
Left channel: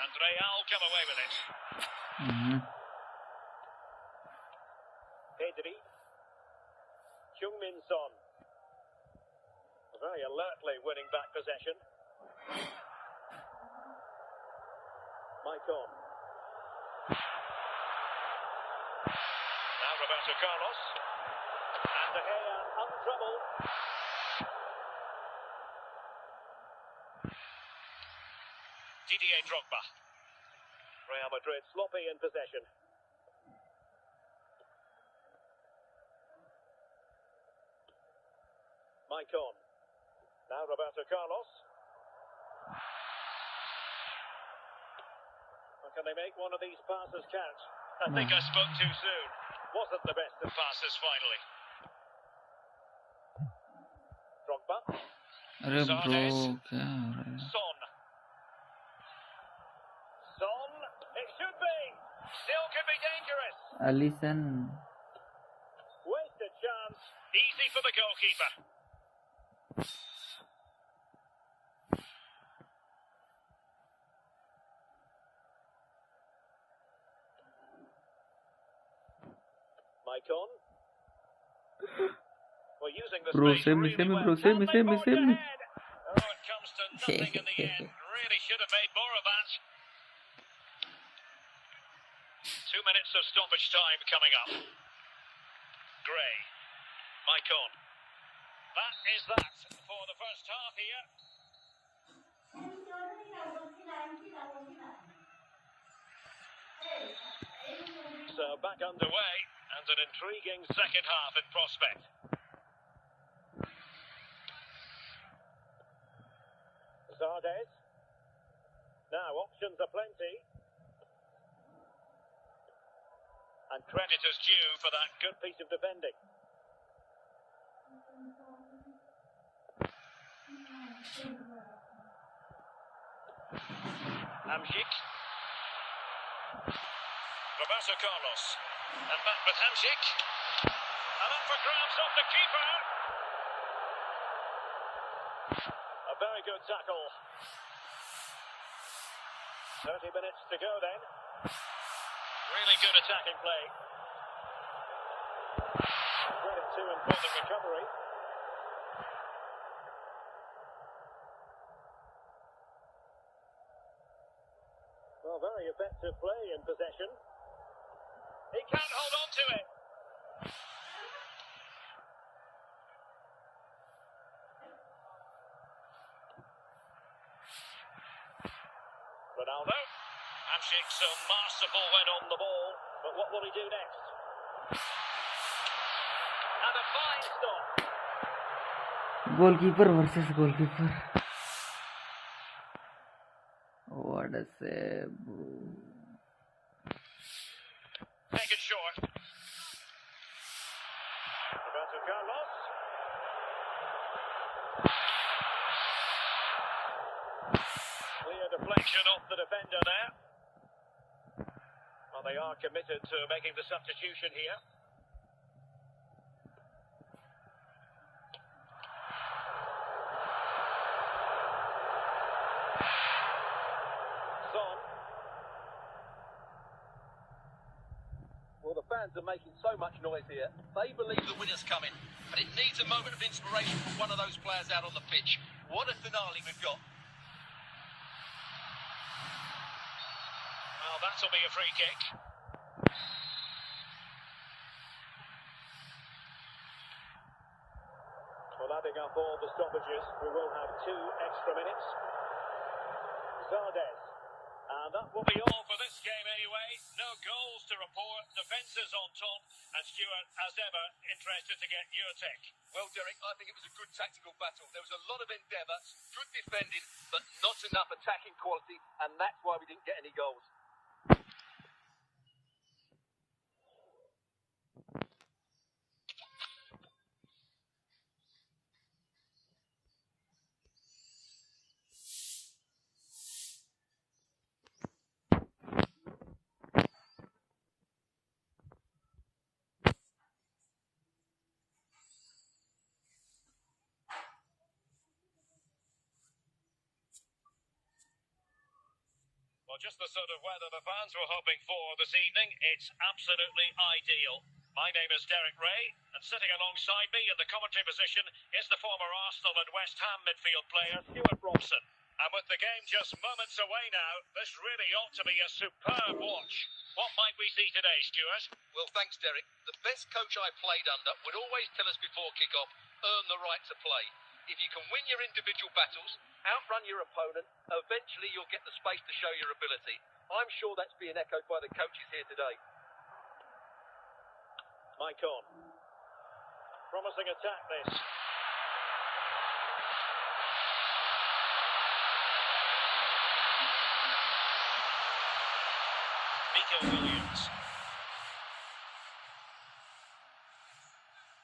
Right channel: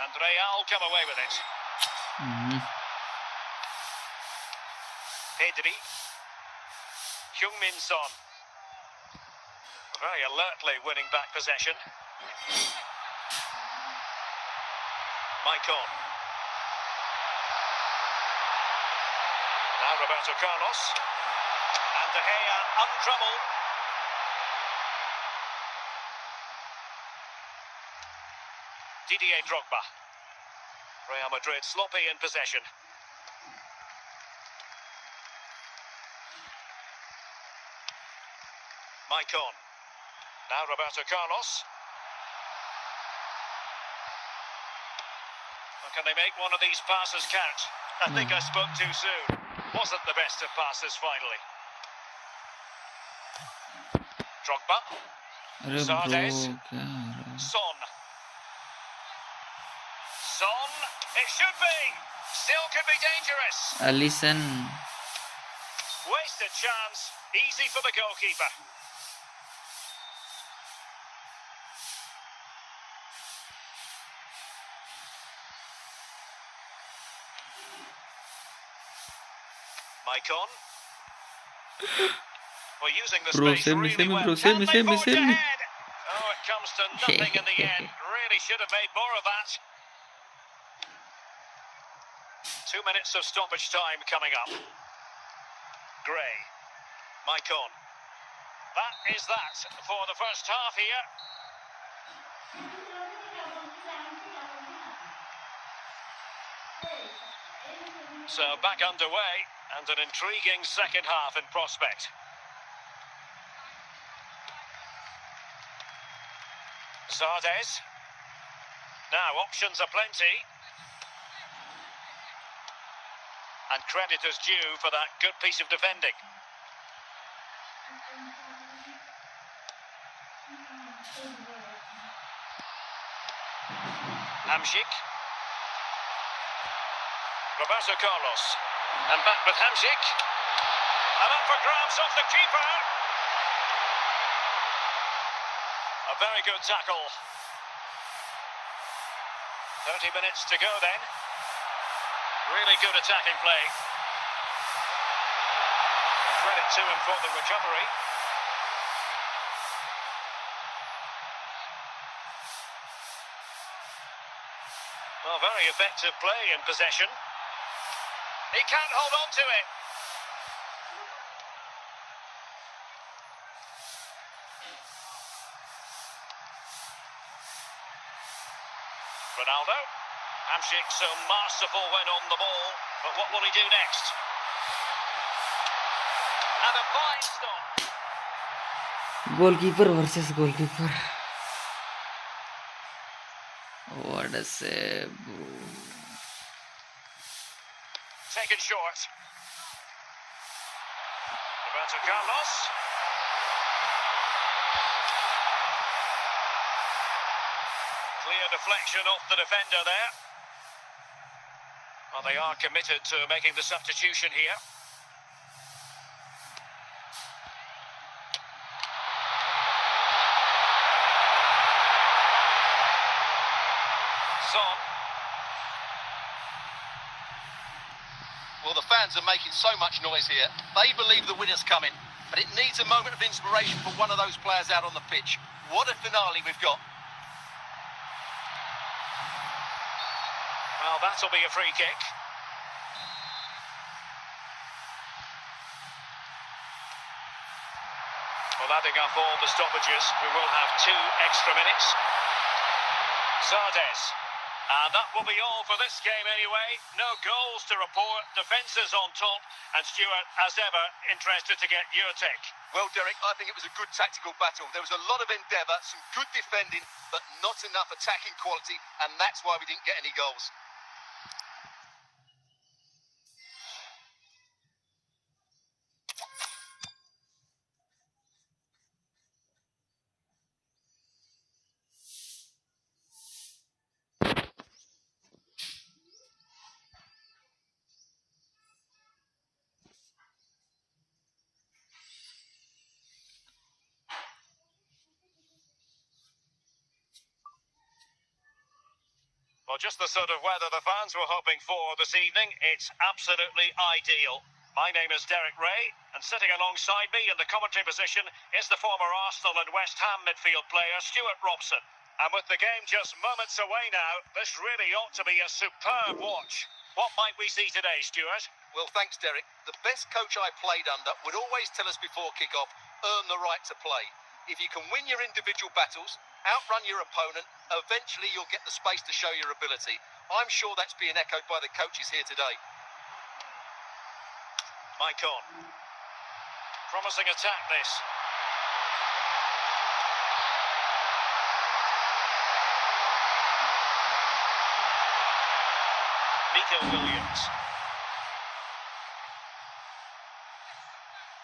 And Real come away with it. Pedri. Heung-min Son. Very alertly winning back possession. Maicon. Now Roberto Carlos. And De Gea untroubled. Didier Drogba. Real Madrid sloppy in possession. Maicon. Now Roberto Carlos. Well, can they make one of these passes count? I think I spoke too soon. Wasn't the best of passes finally. Drogba. Zardes. Son. Son. It should be. Still could be dangerous. Alisson. Wasted chance. Easy for the goalkeeper. Maicon. We're using the Bro, space save me, really save me, well. bro, save me, Can they save me, forge save me. ahead? Oh, it comes to nothing in the end. really should have made more of that. 2 minutes of stoppage time coming up. Gray. Maicon. That is that for the first half here. So back underway and an intriguing second half in prospect. Zardes. Now options are plenty. And credit is due for that good piece of defending. Hamsik. Roberto Carlos. And back with Hamsik. And up for grabs off the keeper. A very good tackle. 30 minutes to go then. Really good attacking play. Credit to him for the recovery. Well, very effective play in possession. He can't hold on to it. Ronaldo. Hamsik so masterful when on the ball, but what will he do next? And a fine stop. Goalkeeper versus goalkeeper. What a save. Taken short. Roberto Carlos. Clear deflection off the defender there. Well, they are committed to making the substitution here. Son. Well, the fans are making so much noise here. They believe the winner's coming, but it needs a moment of inspiration for one of those players out on the pitch. What a finale we've got. Well, that'll be a free kick. Well, adding up all the stoppages, we will have 2 extra minutes. Zardes. And that will be all for this game anyway. No goals to report, defences on top, and Stuart, as ever, interested to get your take. Well, Derek, I think it was a good tactical battle. There was a lot of endeavour, some good defending, but not enough attacking quality, and that's why we didn't get any goals. Well, just the sort of weather the fans were hoping for this evening. It's absolutely ideal. My name is Derek Ray, and sitting alongside me in the commentary position is the former Arsenal and West Ham midfield player Stuart Robson. And with the game just moments away now, this really ought to be a superb watch. What might we see today, Stuart? Well, thanks, Derek. The best coach I played under would always tell us before kick-off, earn the right to play. If you can win your individual battles, outrun your opponent, eventually you'll get the space to show your ability. I'm sure that's being echoed by the coaches here today. Maicon. Promising attack, this. Nico Williams.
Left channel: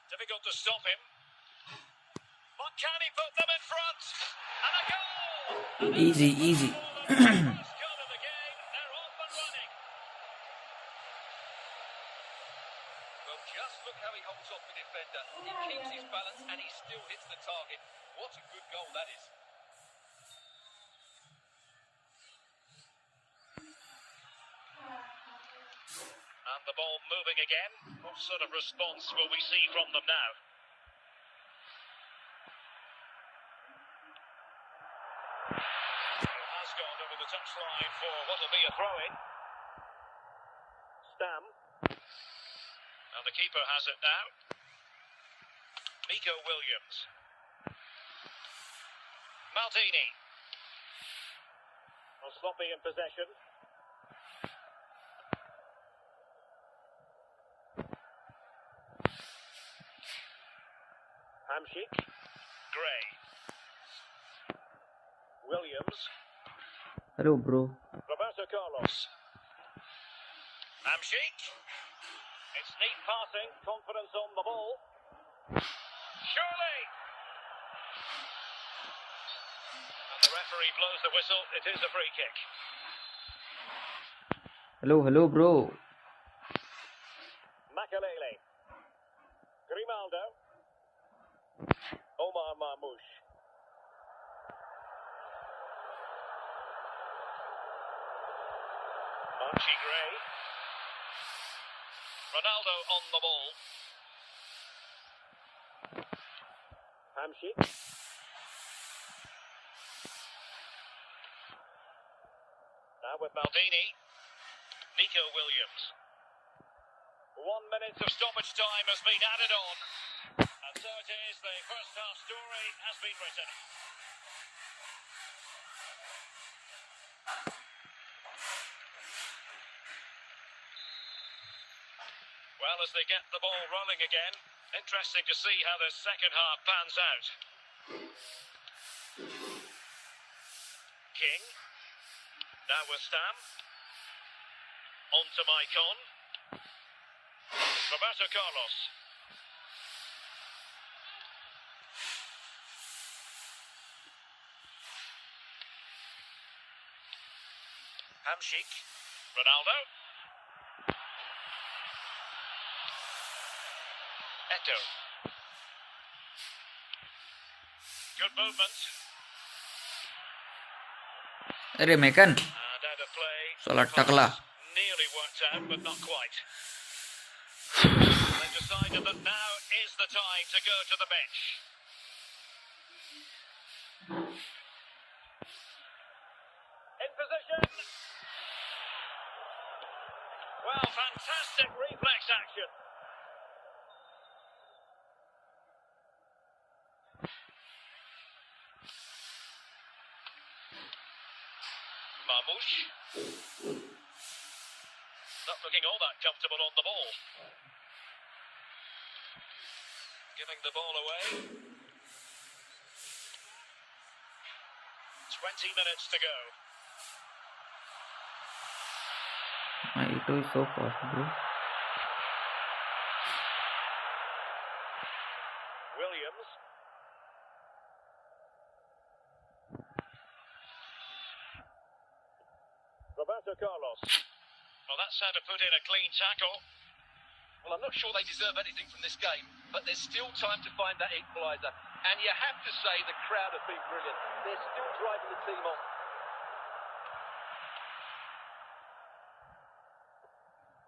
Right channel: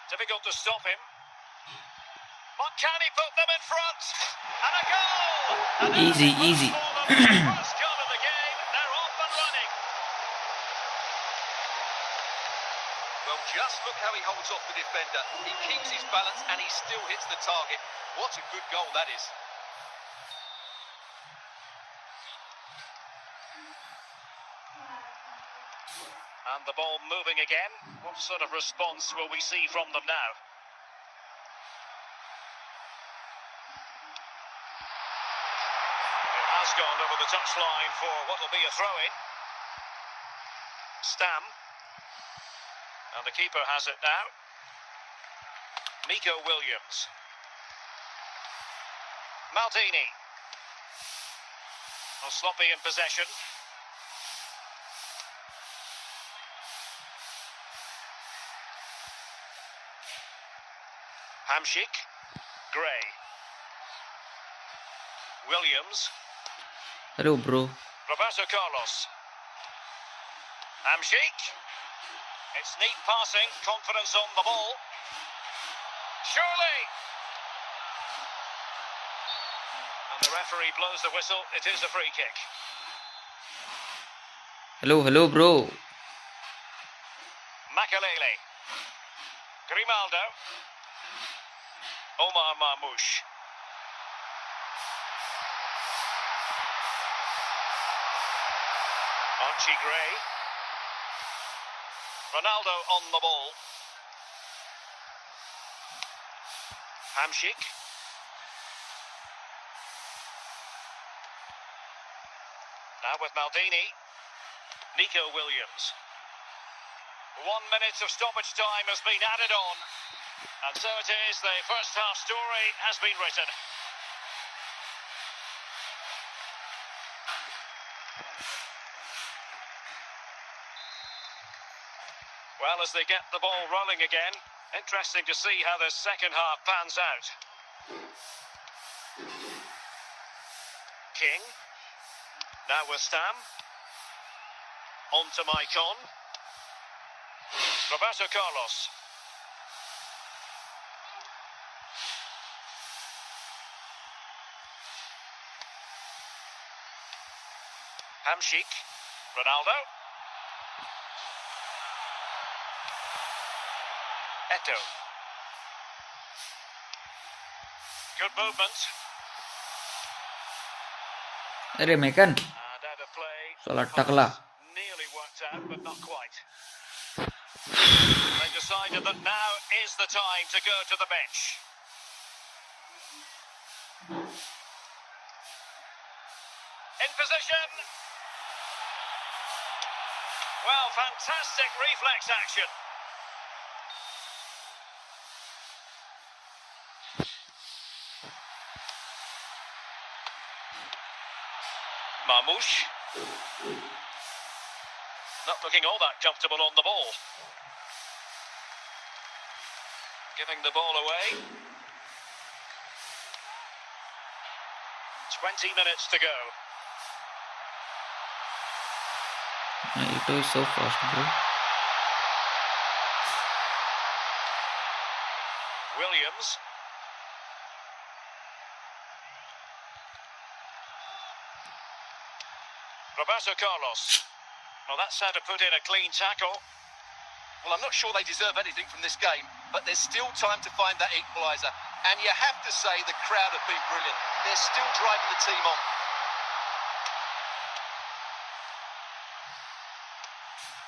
Difficult to stop him. But can he put them in front? And a goal! Easy, easy. First goal of the game, they're off and running. Well, just look how he holds off the defender. He keeps his balance and he still hits the target. What a good goal that is. And the ball moving again. What sort of response will we see from them now? It has beyond over the touchline for what will be a throw-in. Stam. And the keeper has it now. Nico Williams. Maldini. Well, sloppy in possession. Hamšík. Gray. Williams. Hello, bro. Roberto Carlos. Hamšík. It's neat passing, confidence on the ball. Surely. And the referee blows the whistle. It is a free kick. Hello, bro. Makalele. Grimaldo. Omar Marmoush. Archie Gray. Ronaldo on the ball. Hamšík. Now with Maldini. Nico Williams. 1 minute of stoppage time has been added on. And so it is, the first half story has been written. Well, as they get the ball rolling again, interesting to see how the second half pans out. King. Now with Stam. On to Maicon. Roberto Carlos. Hamšík. Ronaldo. Eto. Good movement. अरे McKeon And out of play. साला टकला Nearly worked out, but not quite. They decided that now is the time to go to the bench. In position. Well, fantastic reflex action. Marmoush. Not looking all that comfortable on the ball. Giving the ball away. 20 minutes to go. it is so fast, bro. Williams. Roberto Carlos. Well, that's how to put in a clean tackle. Well, I'm not sure they deserve anything from this game, but there's still time to find that equaliser. And you have to say the crowd have been brilliant. They're still driving the team on.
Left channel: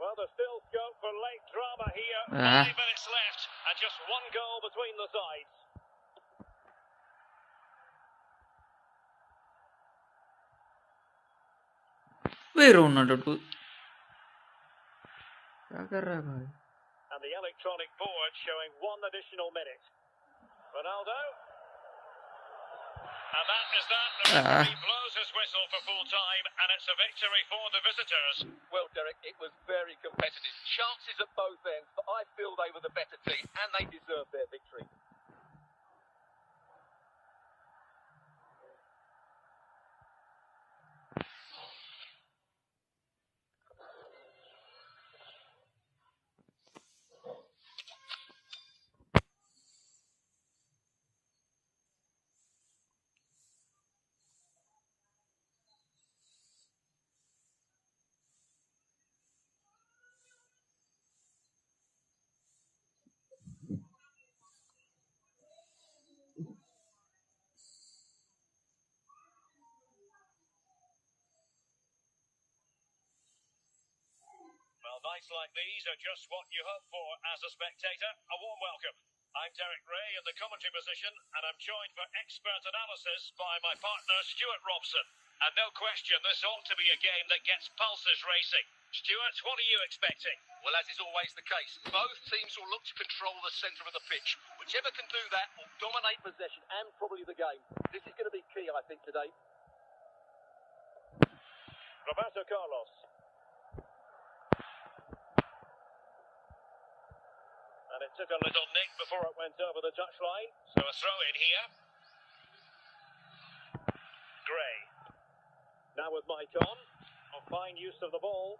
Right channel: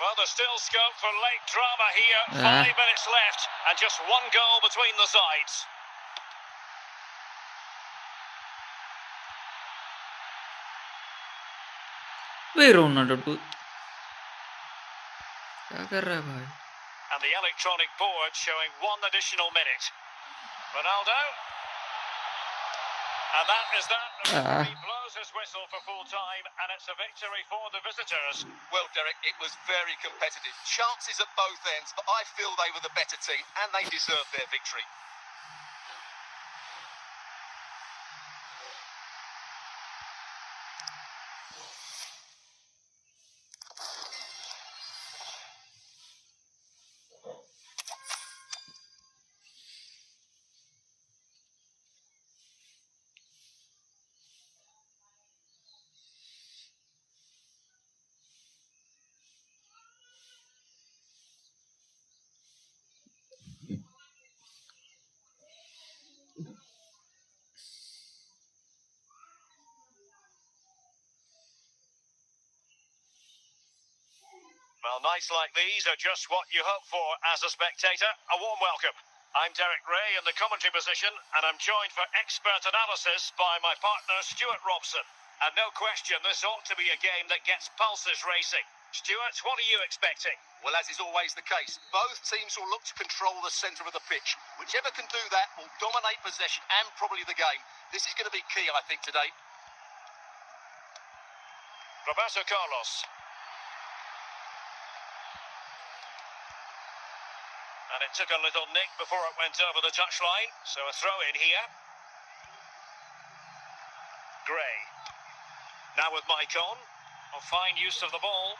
Well, there's still scope for late drama here. 5 Ah. minutes left, and just one goal between the sides. वे Ronaldo टू क्या कर रहा है भाई? And the electronic board showing 1 additional minute. Ronaldo. And that is that. The referee blows his whistle for full time, and it's a victory for the visitors. Well, Derek, it was very competitive. Chances at both ends, but I feel they were the better team, and they deserved their victory. Well, nights like these are just what you hope for as a spectator. A warm welcome. I'm Derek Ray in the commentary position, and I'm joined for expert analysis by my partner Stuart Robson. And no question, this ought to be a game that gets pulses racing. Stuart, what are you expecting? Well, as is always the case, both teams will look to control the centre of the pitch. Whichever can do that will dominate possession and probably the game. This is going to be key, I think, today. Roberto Carlos. And it took a little nick before it went over the touchline. So a throw in here. Gray. Now with Mike on. A fine use of the ball.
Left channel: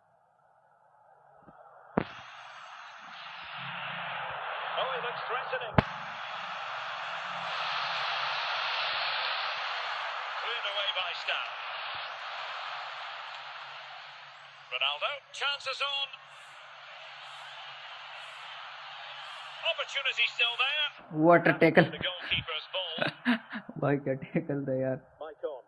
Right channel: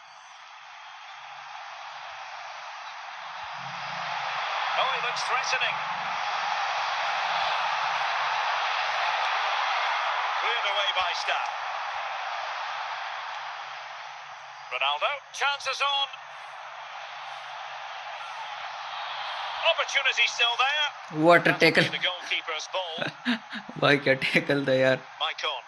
Oh, he looks threatening. Cleared away by Stan. Ronaldo. Chances on. Opportunity still there. What a tackle. The goalkeeper's ball. भाई क्या tackle था यार. Mike on.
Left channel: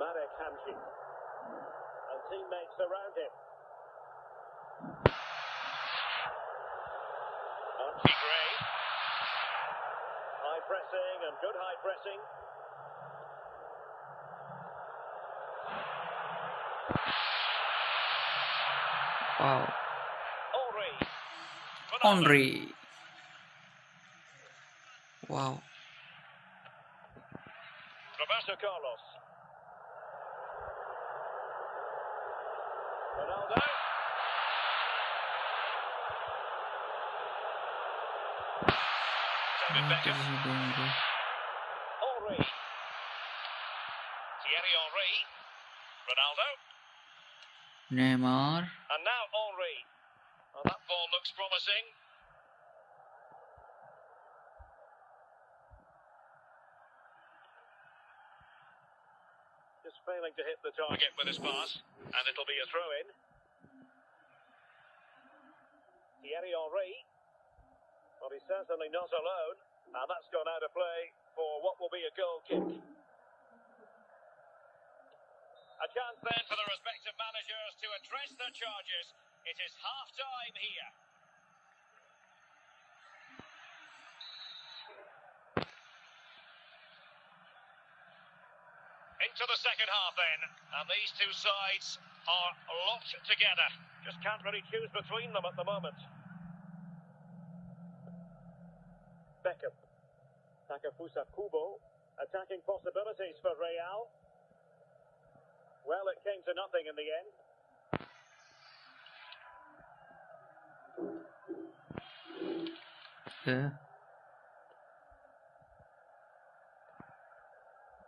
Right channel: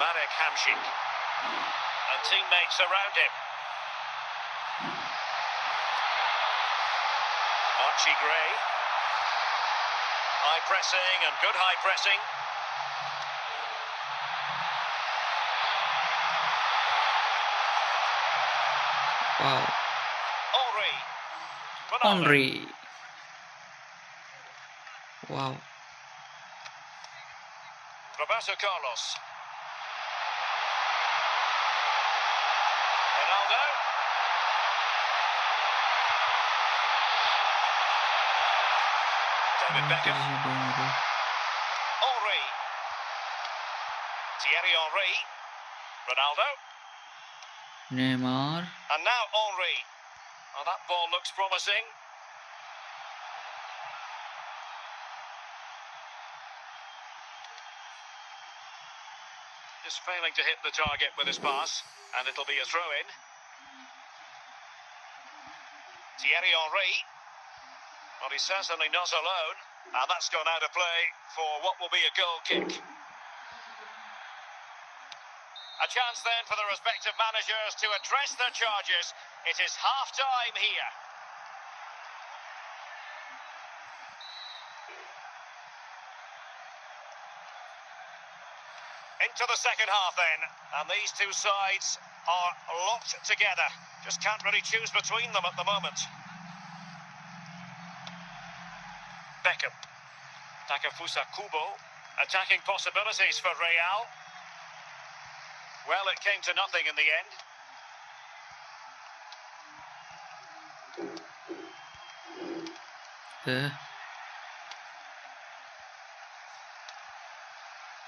Marek Hamšík. And teammates around him. Archie Gray. High pressing and good high pressing. Wow. Henry. Henry. Wow. Roberto Carlos. Ronaldo. David Beckham. Henry. Thierry Henry. Ronaldo. Neymar. And now Henry. Well, that ball looks promising. Just failing to hit the target with his pass. And it'll be a throw-in. Thierry Henry. Well, he's certainly not alone. And that's gone out of play for what will be a goal kick. A chance then for the respective managers to address their charges. It is half-time here. Into the second half then, and these two sides are locked together. Just can't really choose between them at the moment. Beckham. Takefusa Kubo. Attacking possibilities for Real. Well, it came to nothing in the end.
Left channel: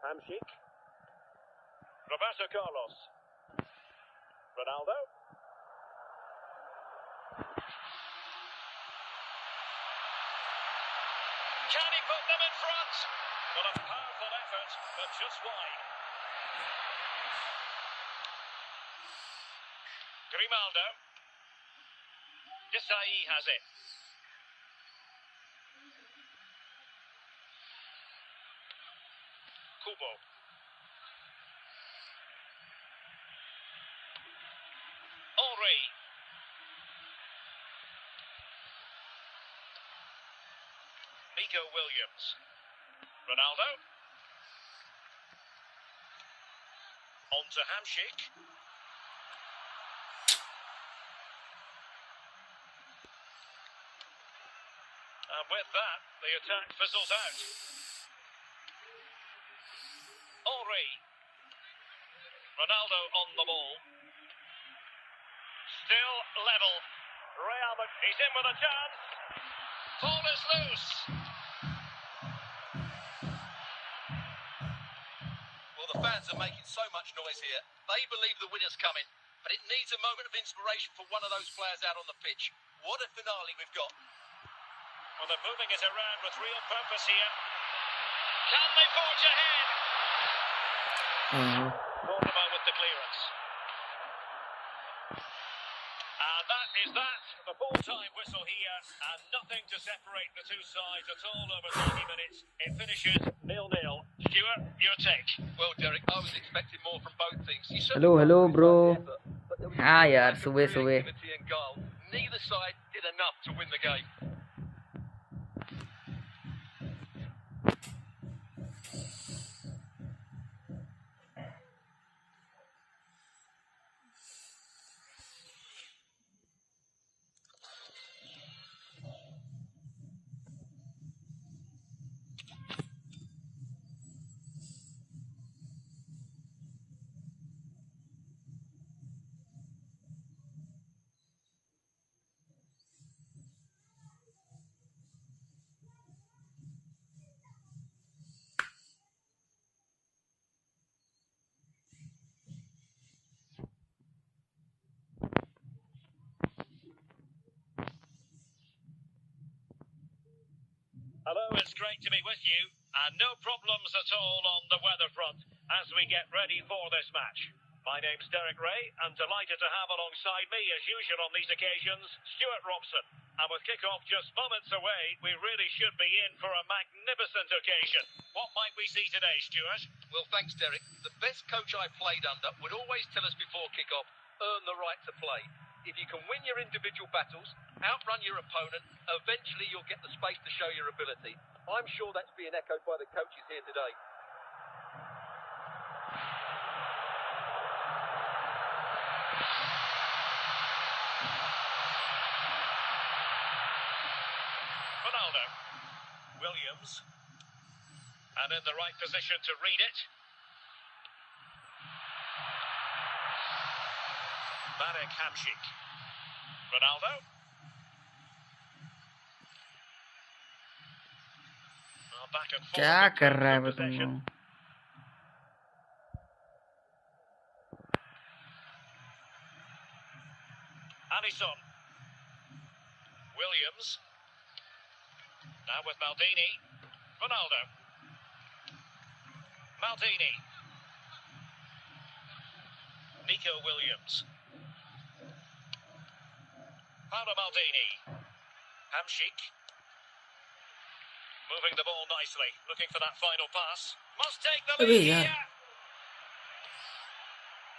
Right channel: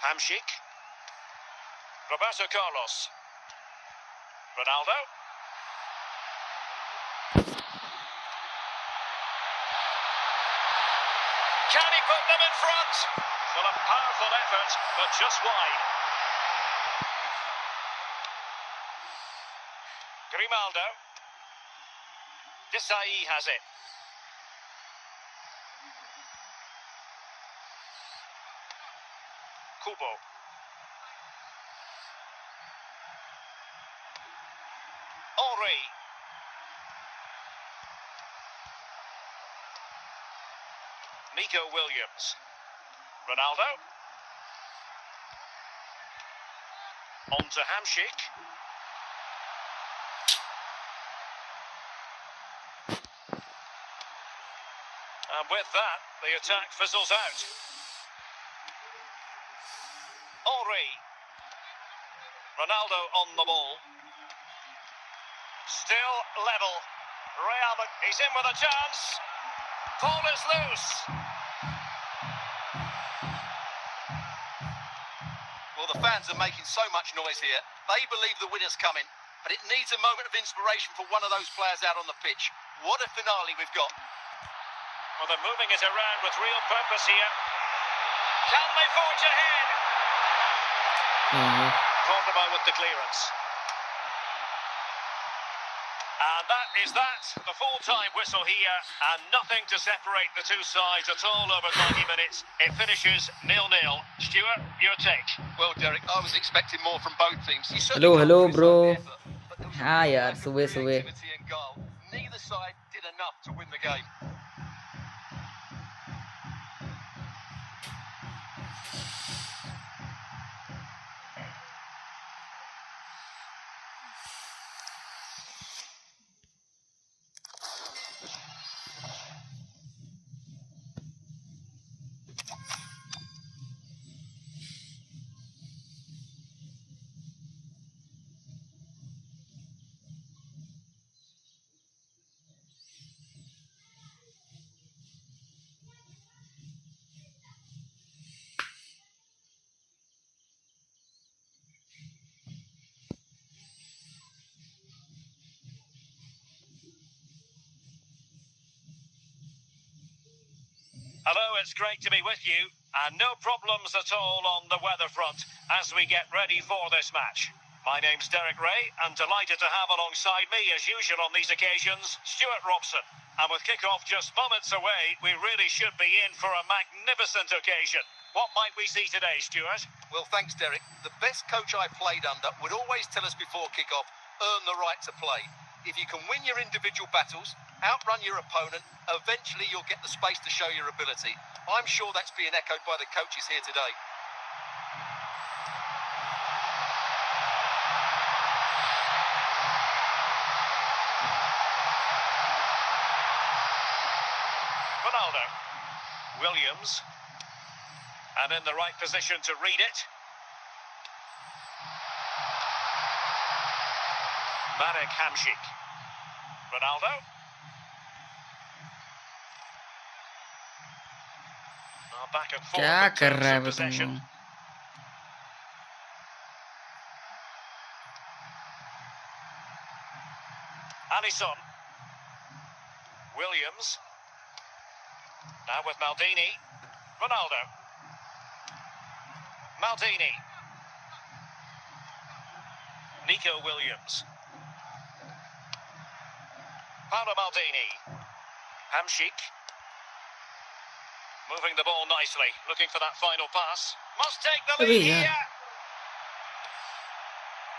Hamšík. Roberto Carlos. Ronaldo. Can he put them in front? Well, a powerful effort, but just wide. Grimaldo. Desai has it. Kubo. Henry. Nico Williams. Ronaldo. On to Hamšík. And with that, the attack fizzles out. Henry. Ronaldo on the ball. Still level. Real Madrid. He's in with a chance. Ball is loose. Well, the fans are making so much noise here. They believe the winner's coming, but it needs a moment of inspiration for one of those players out on the pitch. What a finale we've got. Well, they're moving it around with real purpose here. Can they forge ahead? Thought about with the clearance. And that is that. The full-time whistle here, and nothing to separate the two sides at all over 90 minutes. It finishes 0-0. Stuart, your take? Well, Derek, I was expecting more from both teams. Hello, bro. हाँ यार, सुबह सुबह. Neither side did enough to win the game. Hello, it's great to be with you, and no problems at all on the weather front as we get ready for this match. My name's Derek Ray, and delighted to have alongside me, as usual on these occasions, Stuart Robson. And with kick-off just moments away, we really should be in for a magnificent occasion. What might we see today, Stuart? Well, thanks, Derek. The best coach I played under would always tell us before kick-off, earn the right to play. If you can win your individual battles, outrun your opponent, eventually you'll get the space to show your ability. I'm sure that's being echoed by the coaches here today. Ronaldo. Williams. And in the right position to read it. Marek Hamšík. Ronaldo. Back and forth. क्या कर रहा है in बे तुम possession. लोग? Alisson. Williams. Now with Maldini. Ronaldo. Maldini. Nico Williams. Paolo Maldini. Hamšík. Moving the ball nicely, looking for that final pass. Must take the अबे lead यार here.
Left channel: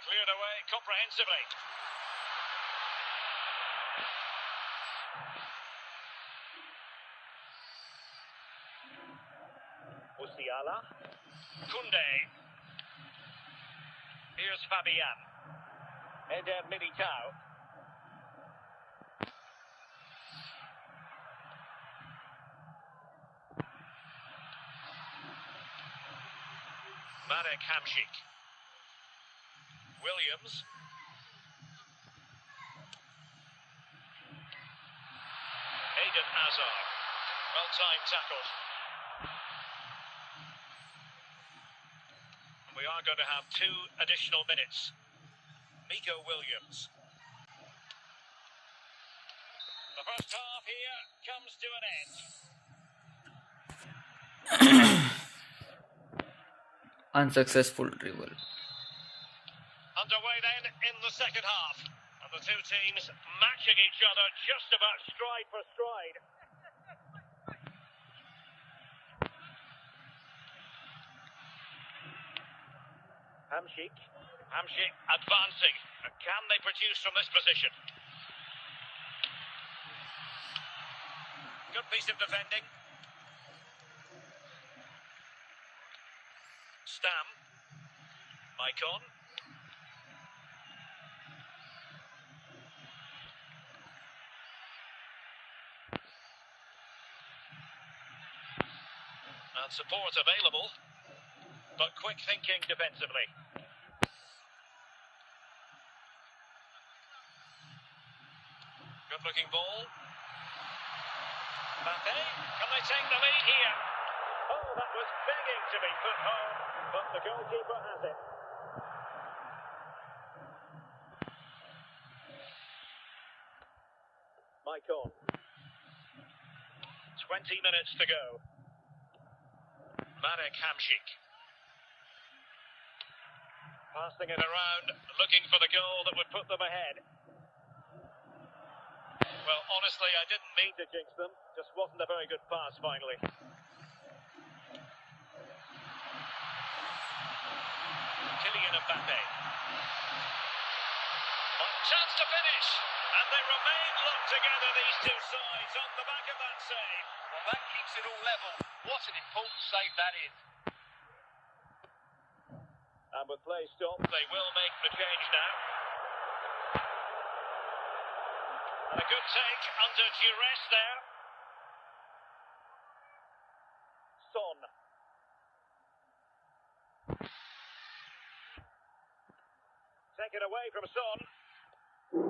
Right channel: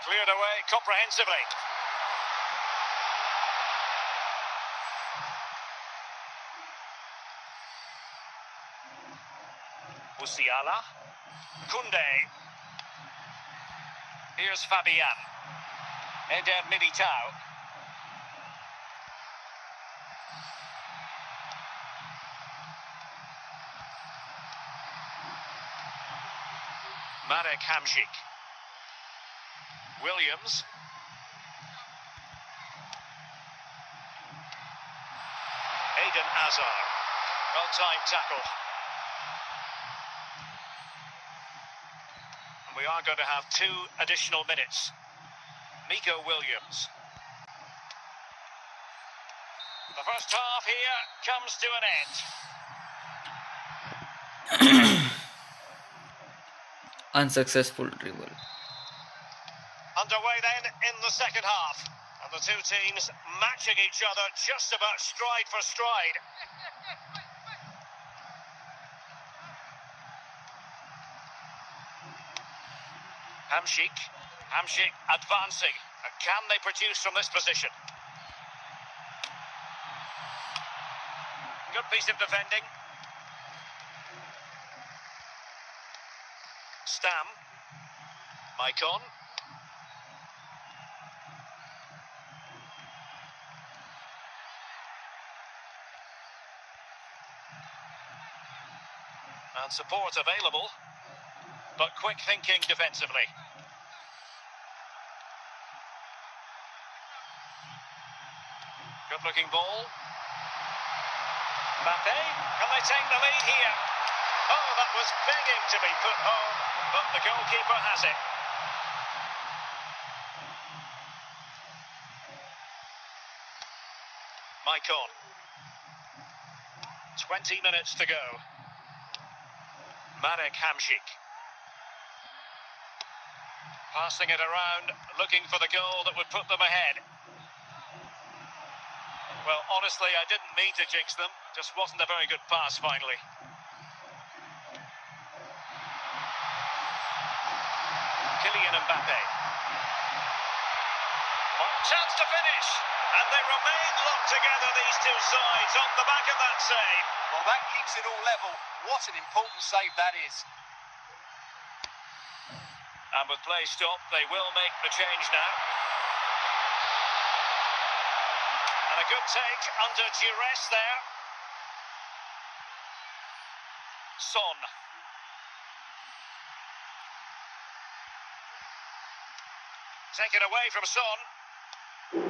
Cleared away comprehensively. Musiala. Koundé. Here's Fabian. Eder Militao. Marek Hamšík. Williams. Eden Hazard. Well-timed tackle. And we are going to have 2 additional minutes. Nico Williams. The first half here comes to an end. unsuccessful dribble. Underway then in the second half. And the two teams matching each other just about stride for stride. Hamšík. Hamšík advancing. And can they produce from this position? Good piece of defending. Stam. Maicon. And support available, but quick thinking defensively. Good looking ball. Mbappe, can they take the lead here? Oh, that was begging to be put home, but the goalkeeper has it. Maicon. 20 minutes to go. Marek Hamšík. Passing it around, looking for the goal that would put them ahead. Well, honestly, I didn't mean to jinx them. Just wasn't a very good pass, finally. Kylian Mbappe. Chance to finish. And they remain locked together, these two sides, on the back of that save. Well, that keeps it all level. What an important save that is. And with play stopped, they will make the change now. And a good take under duress there. Son. Taken away from Son. 1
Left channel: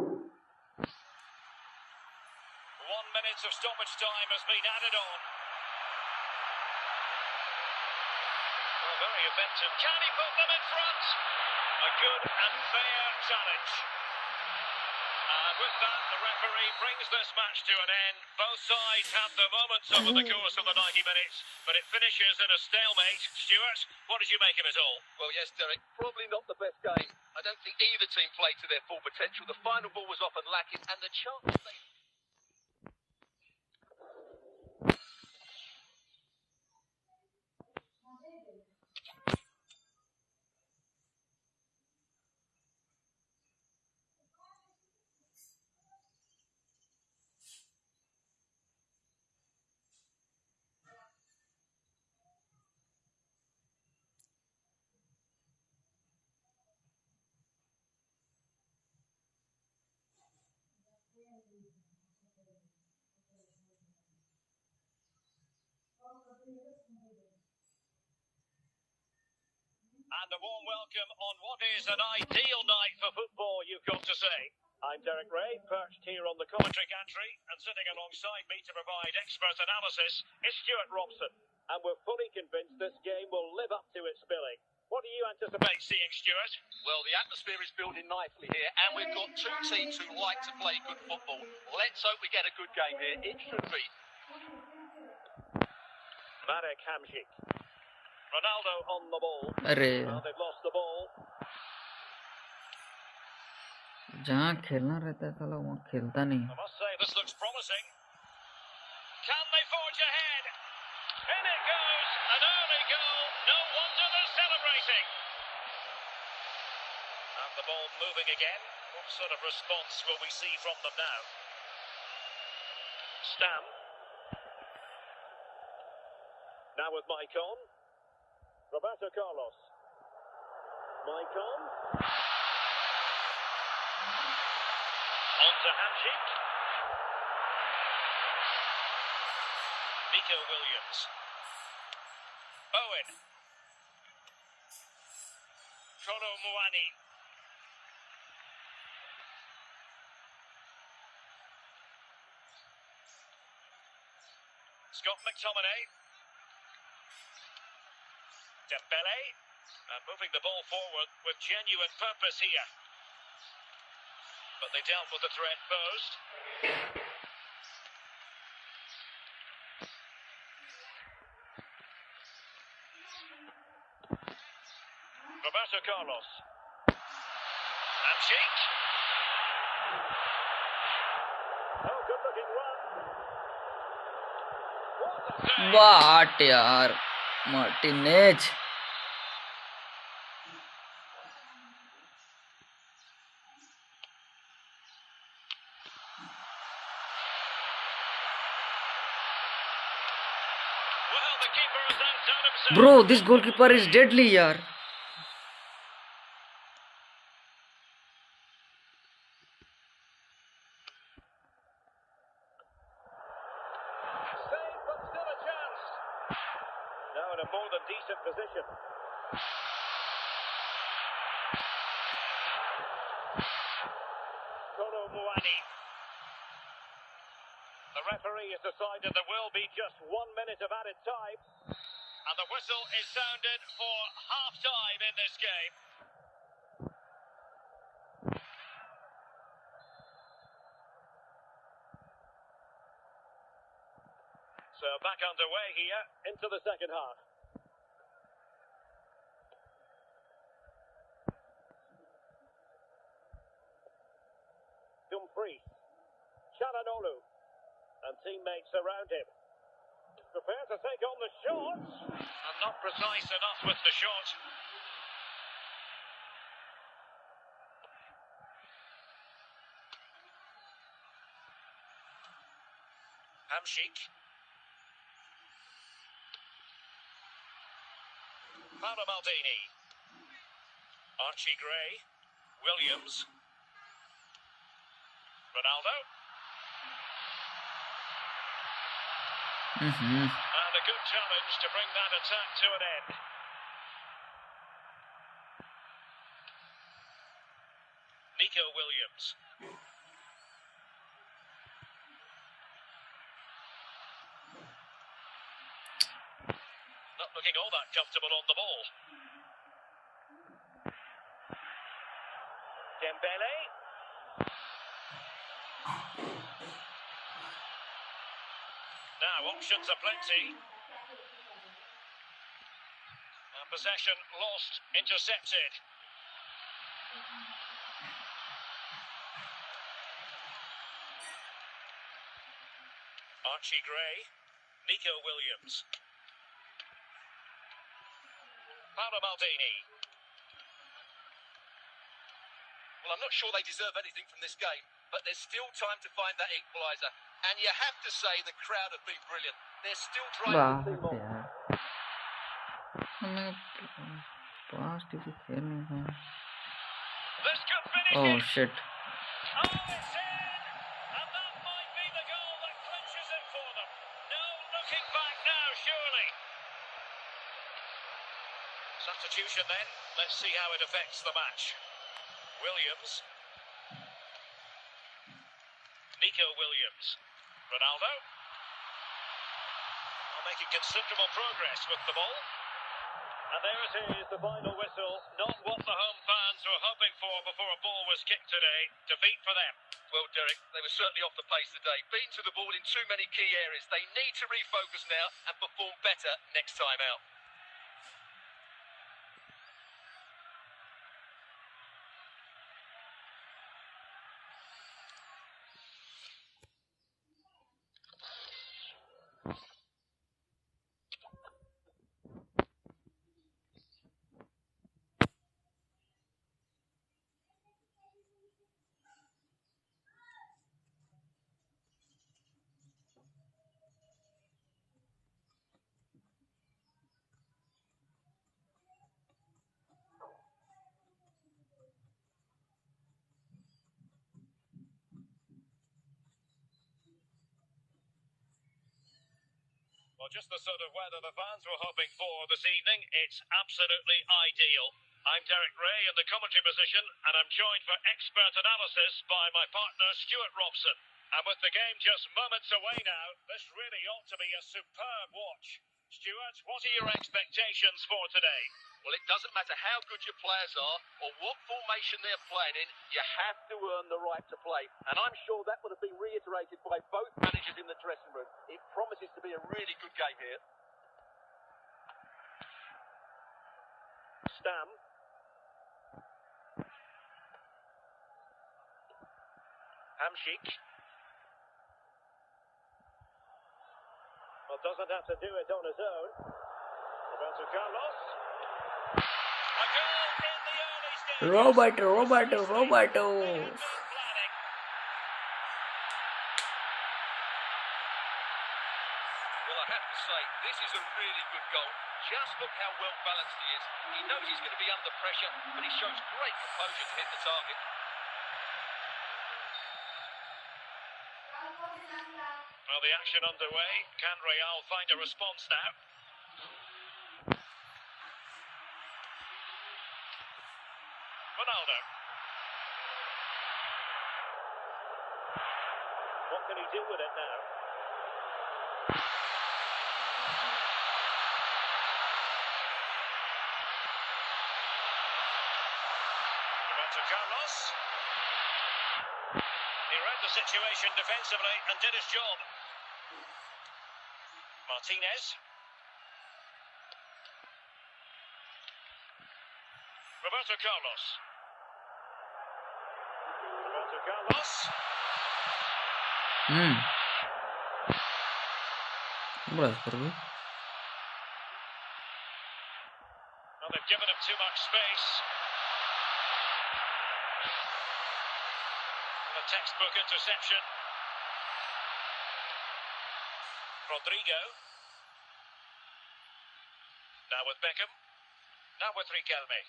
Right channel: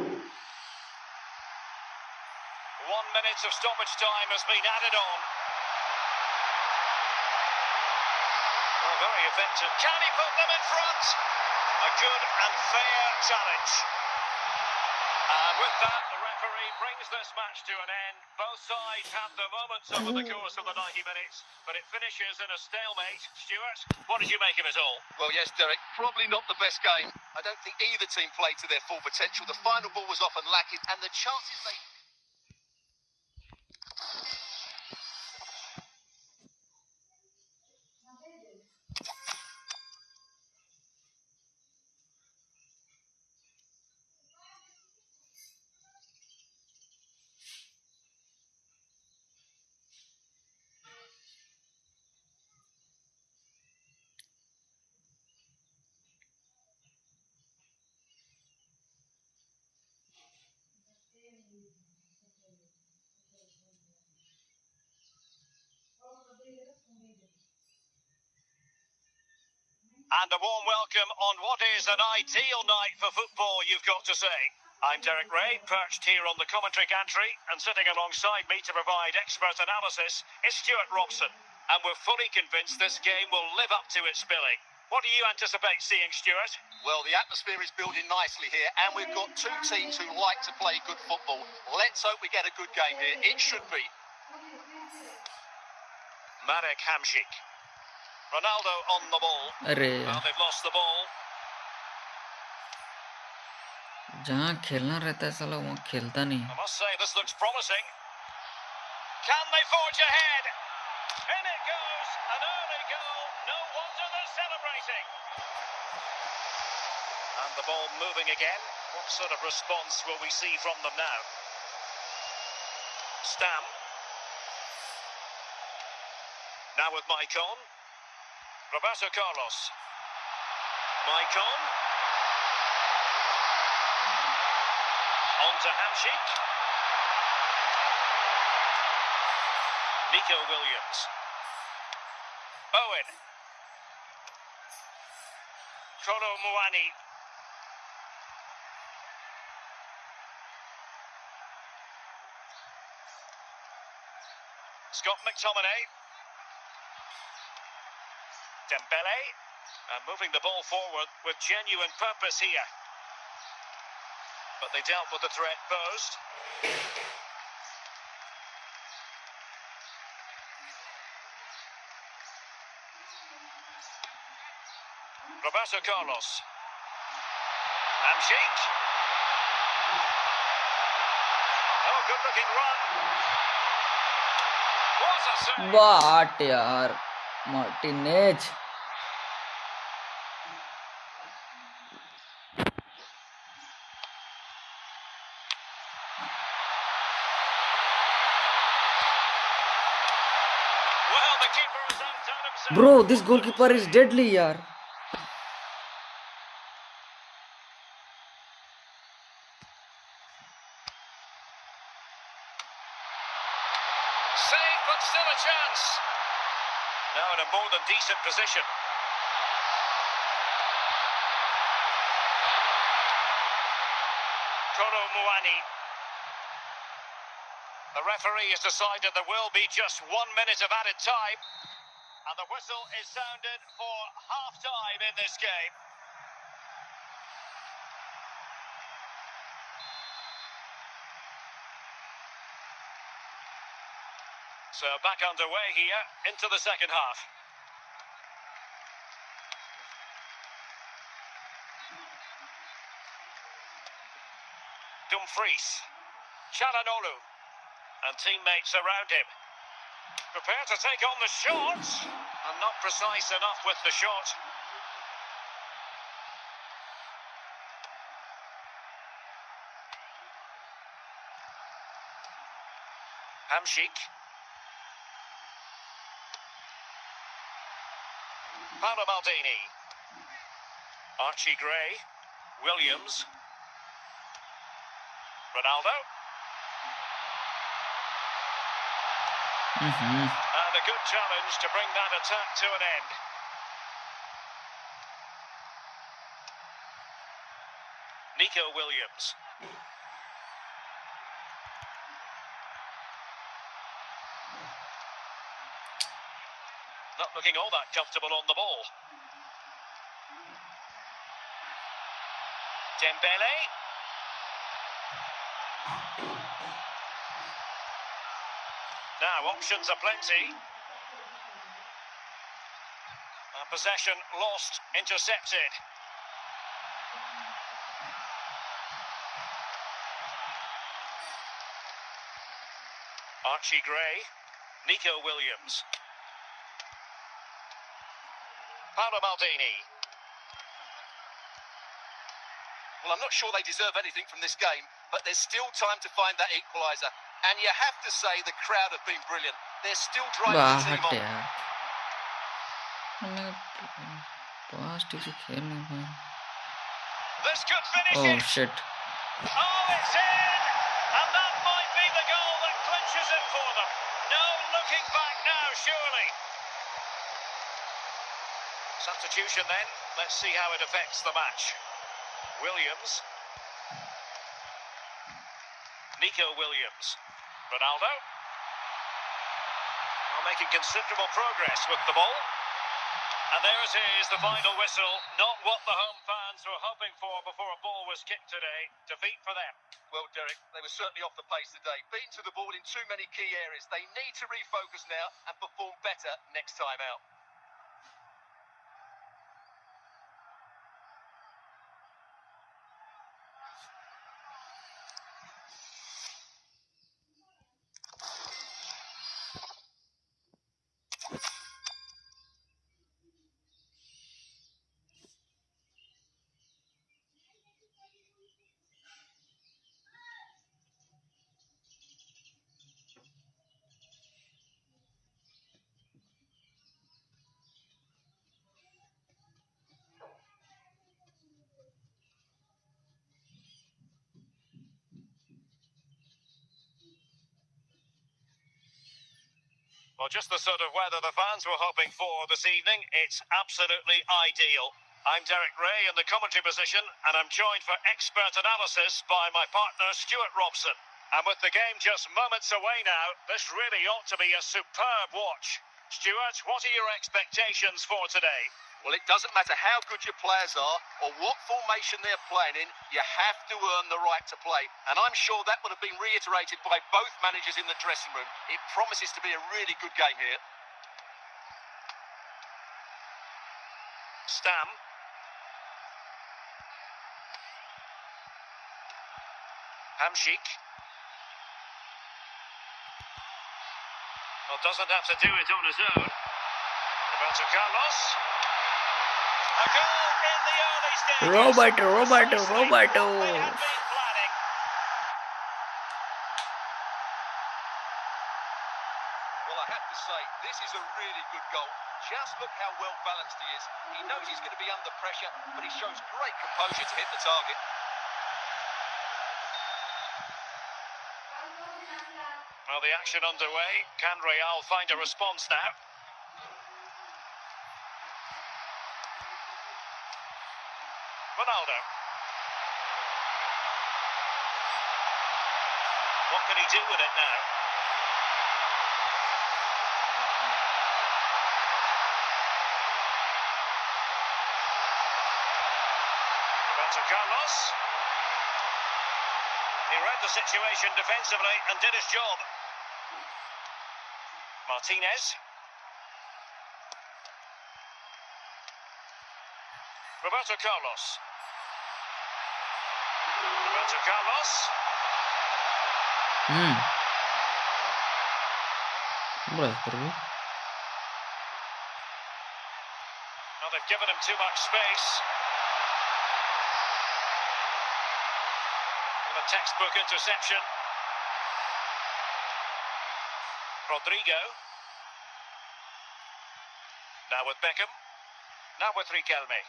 minute of stoppage time has been added on. Well, very effective. Can he put them in front? A good and fair challenge. And And with that, the referee brings this match to an end. Both sides have their moments over the course of the 90 minutes, but it finishes in a stalemate. Stuart, what did you make of it all? Well, yes, Derek, probably not the best game. I don't think either team played to their full potential. The final ball was often lacking, and the chances they... And a warm welcome on what is an ideal night for football, you've got to say. I'm Derek Ray, perched here on the commentary gantry, and sitting alongside me to provide expert analysis is Stuart Robson. And we're fully convinced this game will live up to its billing. What do you anticipate seeing, Stuart? Well, the atmosphere is building nicely here, and we've got two teams who like to play good football. Let's hope we get a good game here. It should be. Marek Hamšík. Ronaldo on the ball. अरे Well, they've lost the ball. जहाँ खेलना रहता है साला वहाँ खेलता नहीं. I must say, this looks promising. Can they forge ahead? In it goes, an early goal. No wonder they're celebrating. And the ball moving again. What sort of response will we see from them now? Stam. Now with Maicon. Roberto Carlos. Maicon. On to Hamšík. Nico Williams. Owen. Kolo Muani. Scott McTominay. Dembele. And moving the ball forward with genuine purpose here. But they dealt with the threat posed. Roberto Carlos. Hamšík. Oh, good looking run. What a save. वाट यार Martinez. Well, the keeper has outdone himself. Bro, this goalkeeper is deadly यार. Save, but still a chance. Now in a more than decent position. Kolo Muani. The referee has decided there will be just 1 minute of added time. And the whistle is sounded for half-time in this game. So back underway here into the second half. Dumfries, Çalhanoğlu, and teammates around him. Prepare to take on the shot, and not precise enough with the shot. Hamšík. Paolo Maldini. Archie Gray. Williams. Ronaldo. And a good challenge to bring that attack to an end. Nico Williams. Not looking all that comfortable on the ball. Dembele. Now options are plenty. Possession lost, intercepted. Archie Gray, Nico Williams. Paolo Maldini. Well, I'm not sure they deserve anything from this game, but there's still time to find that equaliser. And you have to say the crowd have been brilliant. They're still driving the team on. This could finish Oh it. shit. Oh, it's in! And that might be the goal that clinches it for them. No looking back now, surely. Substitution then. Let's see how it affects the match. Williams. Nico Williams. Ronaldo. Well, making considerable progress with the ball. And there it is, the final whistle. Not what the home fans were hoping for before a ball was kicked today. Defeat for them. Well, Derek, they were certainly off the pace today. Beaten to the ball in too many key areas. They need to refocus now and perform better next time out. Well, just the sort of weather the fans were hoping for this evening. It's absolutely ideal. I'm Derek Ray in the commentary position, and I'm joined for expert analysis by my partner Stuart Robson. And with the game just moments away now, this really ought to be a superb watch. Stuart, what are your expectations for today? Well, it doesn't matter how good your players are or what formation they're playing in, you have to earn the right to play. And I'm sure that would have been reiterated by both managers in the dressing room. It promises to be a really good game here. Stam. Hamsik. Well, doesn't have to do it on his own. Roberto Carlos. A goal in the early stages. Roberto. They have been planning. Well, I have to say, this is a really good goal. Just look how well balanced he is. He knows he's going to be under pressure, but he shows great composure to hit the target. Well, the action underway. Can Real find a response now? Ronaldo. What can he do with it now? Roberto Carlos. He read the situation defensively and did his job. Martinez. Roberto Carlos. Roberto Carlos. Boleh pergi. Well, they've given him too much space. And a textbook interception. Rodrigo. Now with Beckham. Now with Riquelme.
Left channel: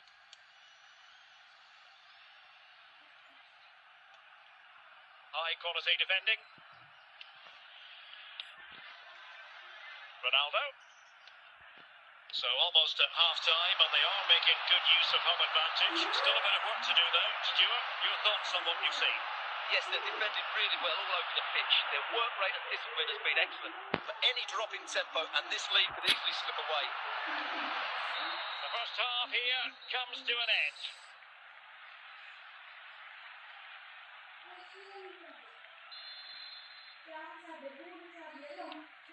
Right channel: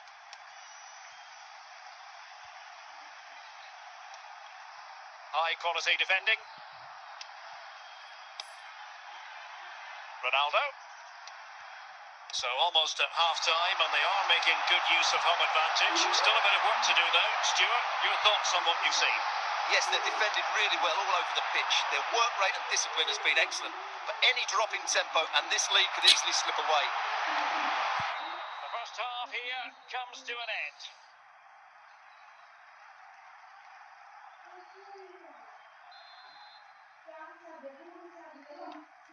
High quality defending. Ronaldo. So almost at half-time, and they are making good use of home advantage. Still a bit of work to do though. Stuart, your thoughts on what you've seen? Yes, they've defended really well all over the pitch. Their work rate and discipline has been excellent. But any drop in tempo, and this lead could easily slip away. The first half here comes to an end.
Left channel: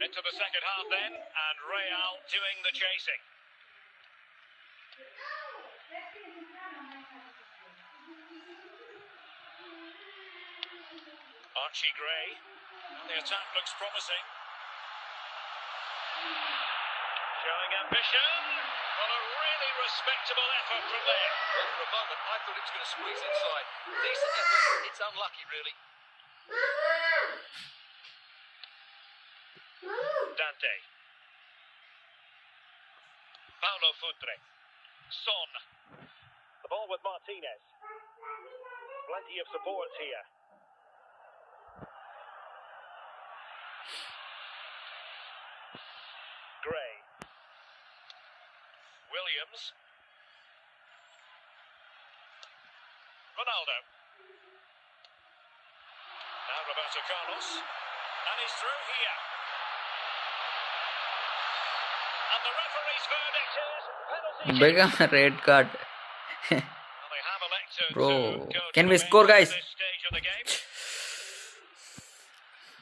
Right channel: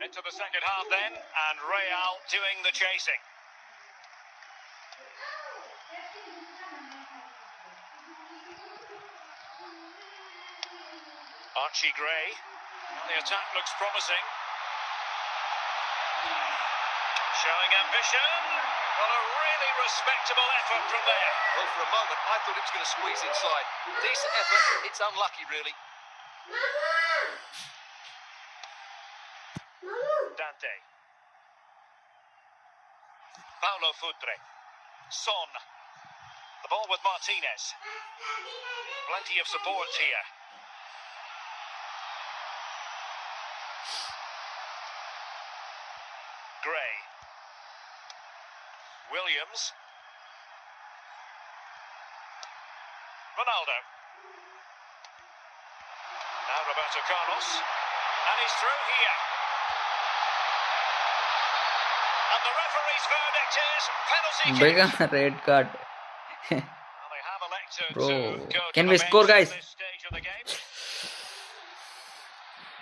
Into the second half then, and Real doing the chasing. Archie Gray. Well, the attack looks promising. Showing ambition. Well, a really respectable effort from there. Well, for a moment, I thought it was going to squeeze inside. Decent effort. It's unlucky, really. Dante. Paulo Futre. Son. The ball with Martinez. Plenty of support here. Gray. Williams. Ronaldo. Now Roberto Carlos. And he's through here. And the referee's verdict is penalty kick. Big red card. Well, they have elected Bro, to go can to we the score, bench guys? at this stage of the game.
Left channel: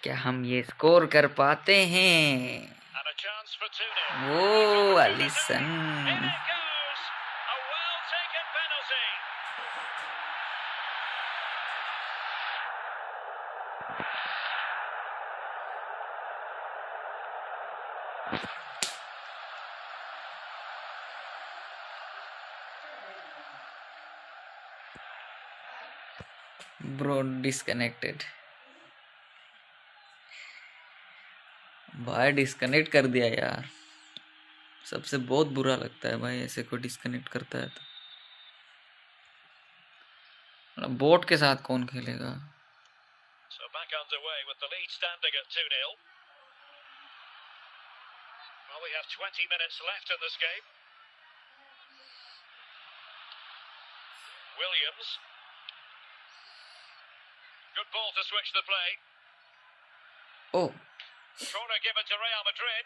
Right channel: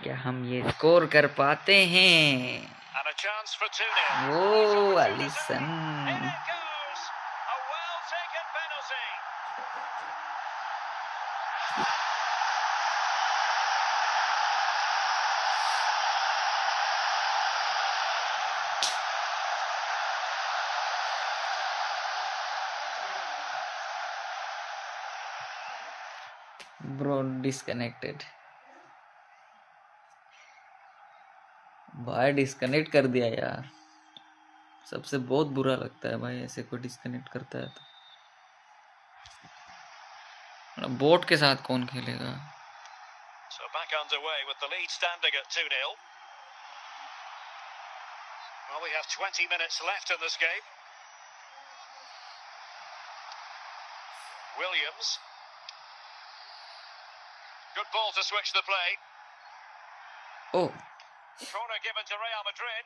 क्या हम ये score कर पाते हैं? And a chance for 2-0. वो In अलिसन. it goes. A well-taken penalty. Bro, disconnected. भाई disconnect कर दिया यार. सबसे बहुत बुरा लगता है भाई ऐसे कोई डिस्कनेक्ट करता है तो. मतलब बोट के साथ कौन खेलेगा? So back underway with the lead standing at 2-0. Well, we have 20 minutes left in this game. Williams. Good ball to switch the play. Oh, Corner given to Real Madrid.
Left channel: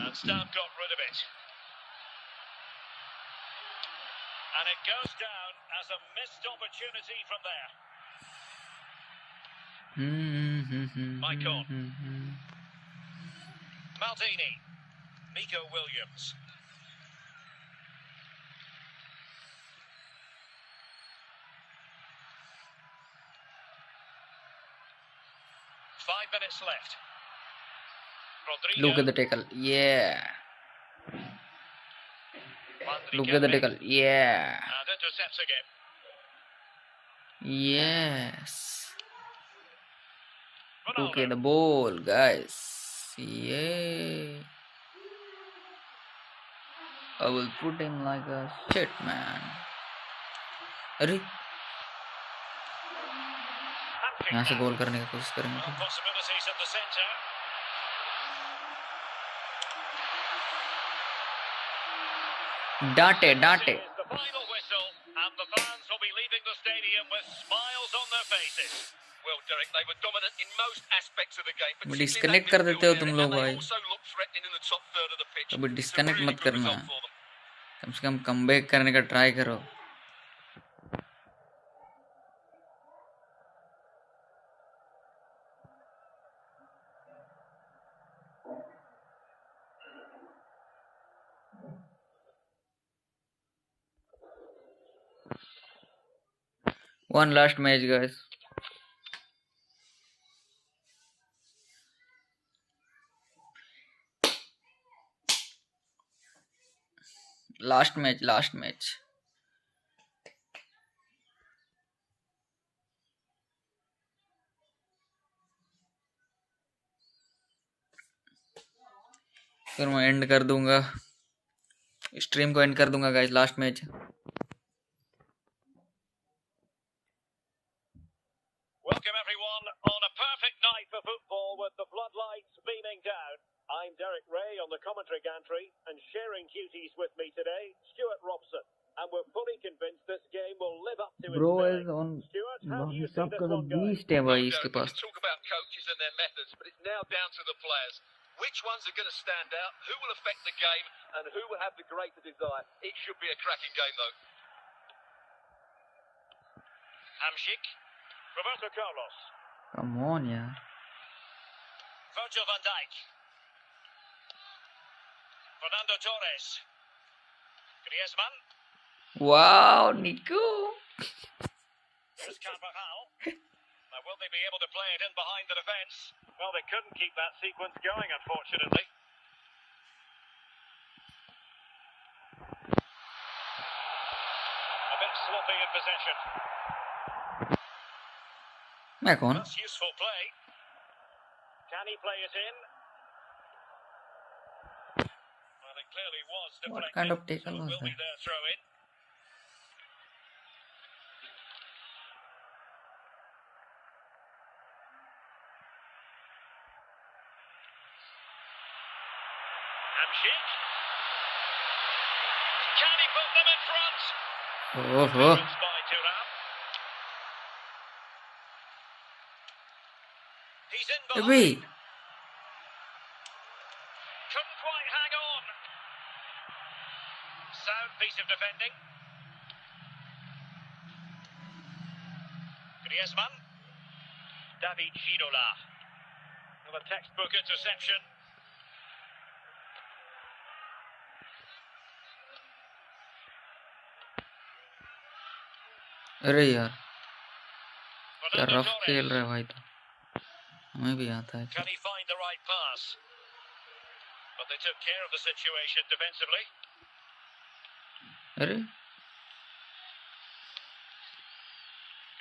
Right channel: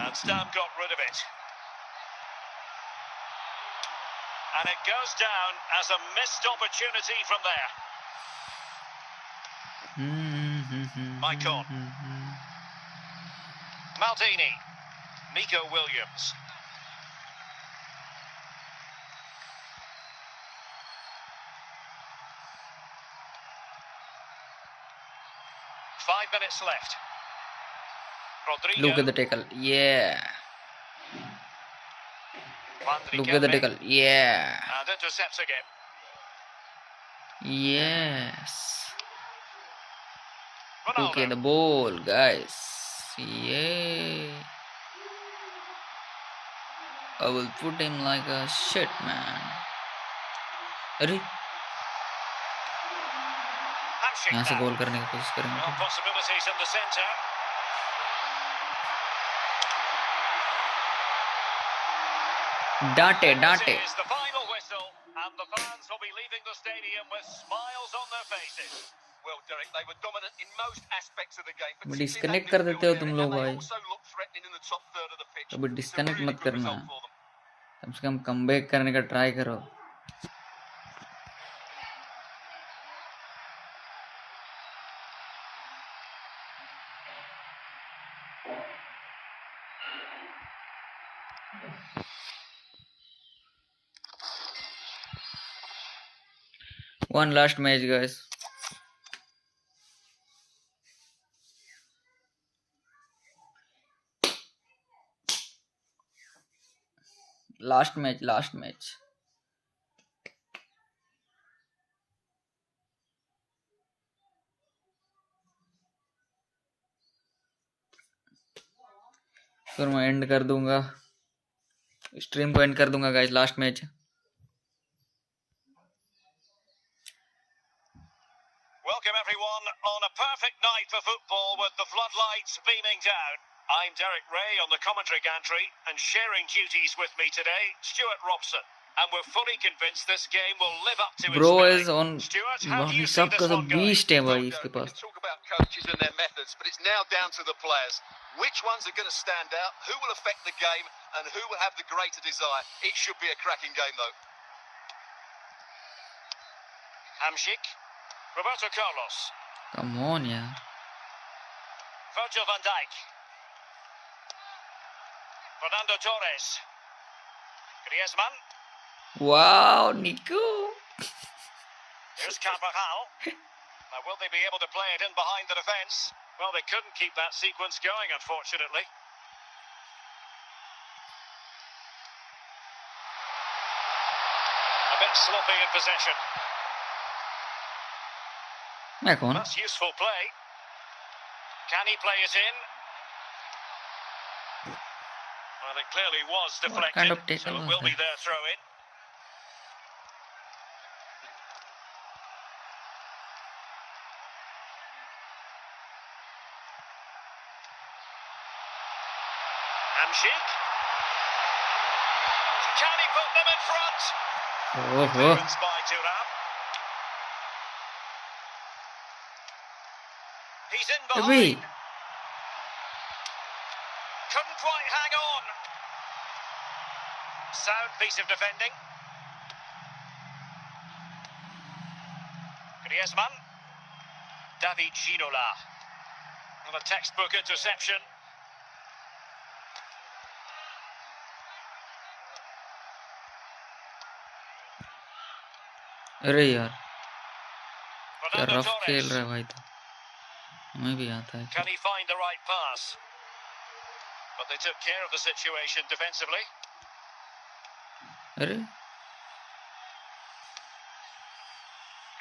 And Stam got rid of it. And it goes down as a missed opportunity from there. Maicon. Maldini. Nico Williams. Five minutes left. Rodrigo. look at the tackle. Yeah. Look at the tackle. Yeah. And intercepts again. Yes. Ronaldo. Okay, the ball, guys. Yeah. I will put him like a shit, man. अरे यहाँ से गोल करने की कोशिश करेंगे. Well, possibilities in the centre. डांटे This is the final whistle, and the fans will be leaving the stadium with smiles on their faces. Well, Derek, they were dominant in most aspects of the game. अभी disconnect कर देते हो तुम लोग भाई. Also looked threatening in the top third of the pitch. अभी disconnect Really मत good करना. result for them. कम से कम कमबैक करने का ट्राई करो. One last match, guys. Last match. फिर मैं एंड कर दूंगा. स्ट्रीम को एंड कर दूंगा guys. Last match. Welcome everyone on a perfect night for football with the floodlights beaming down. I'm Derek Ray on the commentary gantry, and sharing duties with me today, Stuart Robson. And we're fully convinced this game will live up to its Bro billing. is on. Stuart, how do you see सबका this तो one going? Beast है भाई Well, इसके Derek, we pass. can talk about coaches and their methods, but it's now down to the players. Which ones are going to stand out? Who will affect the game? And who will have the greater desire? It should be a cracking game, though. Hamsik. Roberto Carlos. Come on, yeah. Virgil van Dijk. Fernando Torres. Griezmann. Wow, Nico. Here's Carvajal. Now, will they be able to play it in behind the defence? Well, they couldn't keep that sequence going, unfortunately. A bit sloppy in possession. That's useful play. Can he play it in? Well, it clearly was deflected, What kind of tackle so it was will be that? their throw-in. Hamsik. Can he put them in front? Oh, Clearance by Thuram. He's in behind. Wait. Couldn't quite hang on. Sound piece of defending. Griezmann. David Ginola. And a textbook interception. अरे यार क्या Fernando rough खेल Torres. रहा है भाई तो हमें भी आता है Can he find the right pass? But they took care of the situation defensively. अरे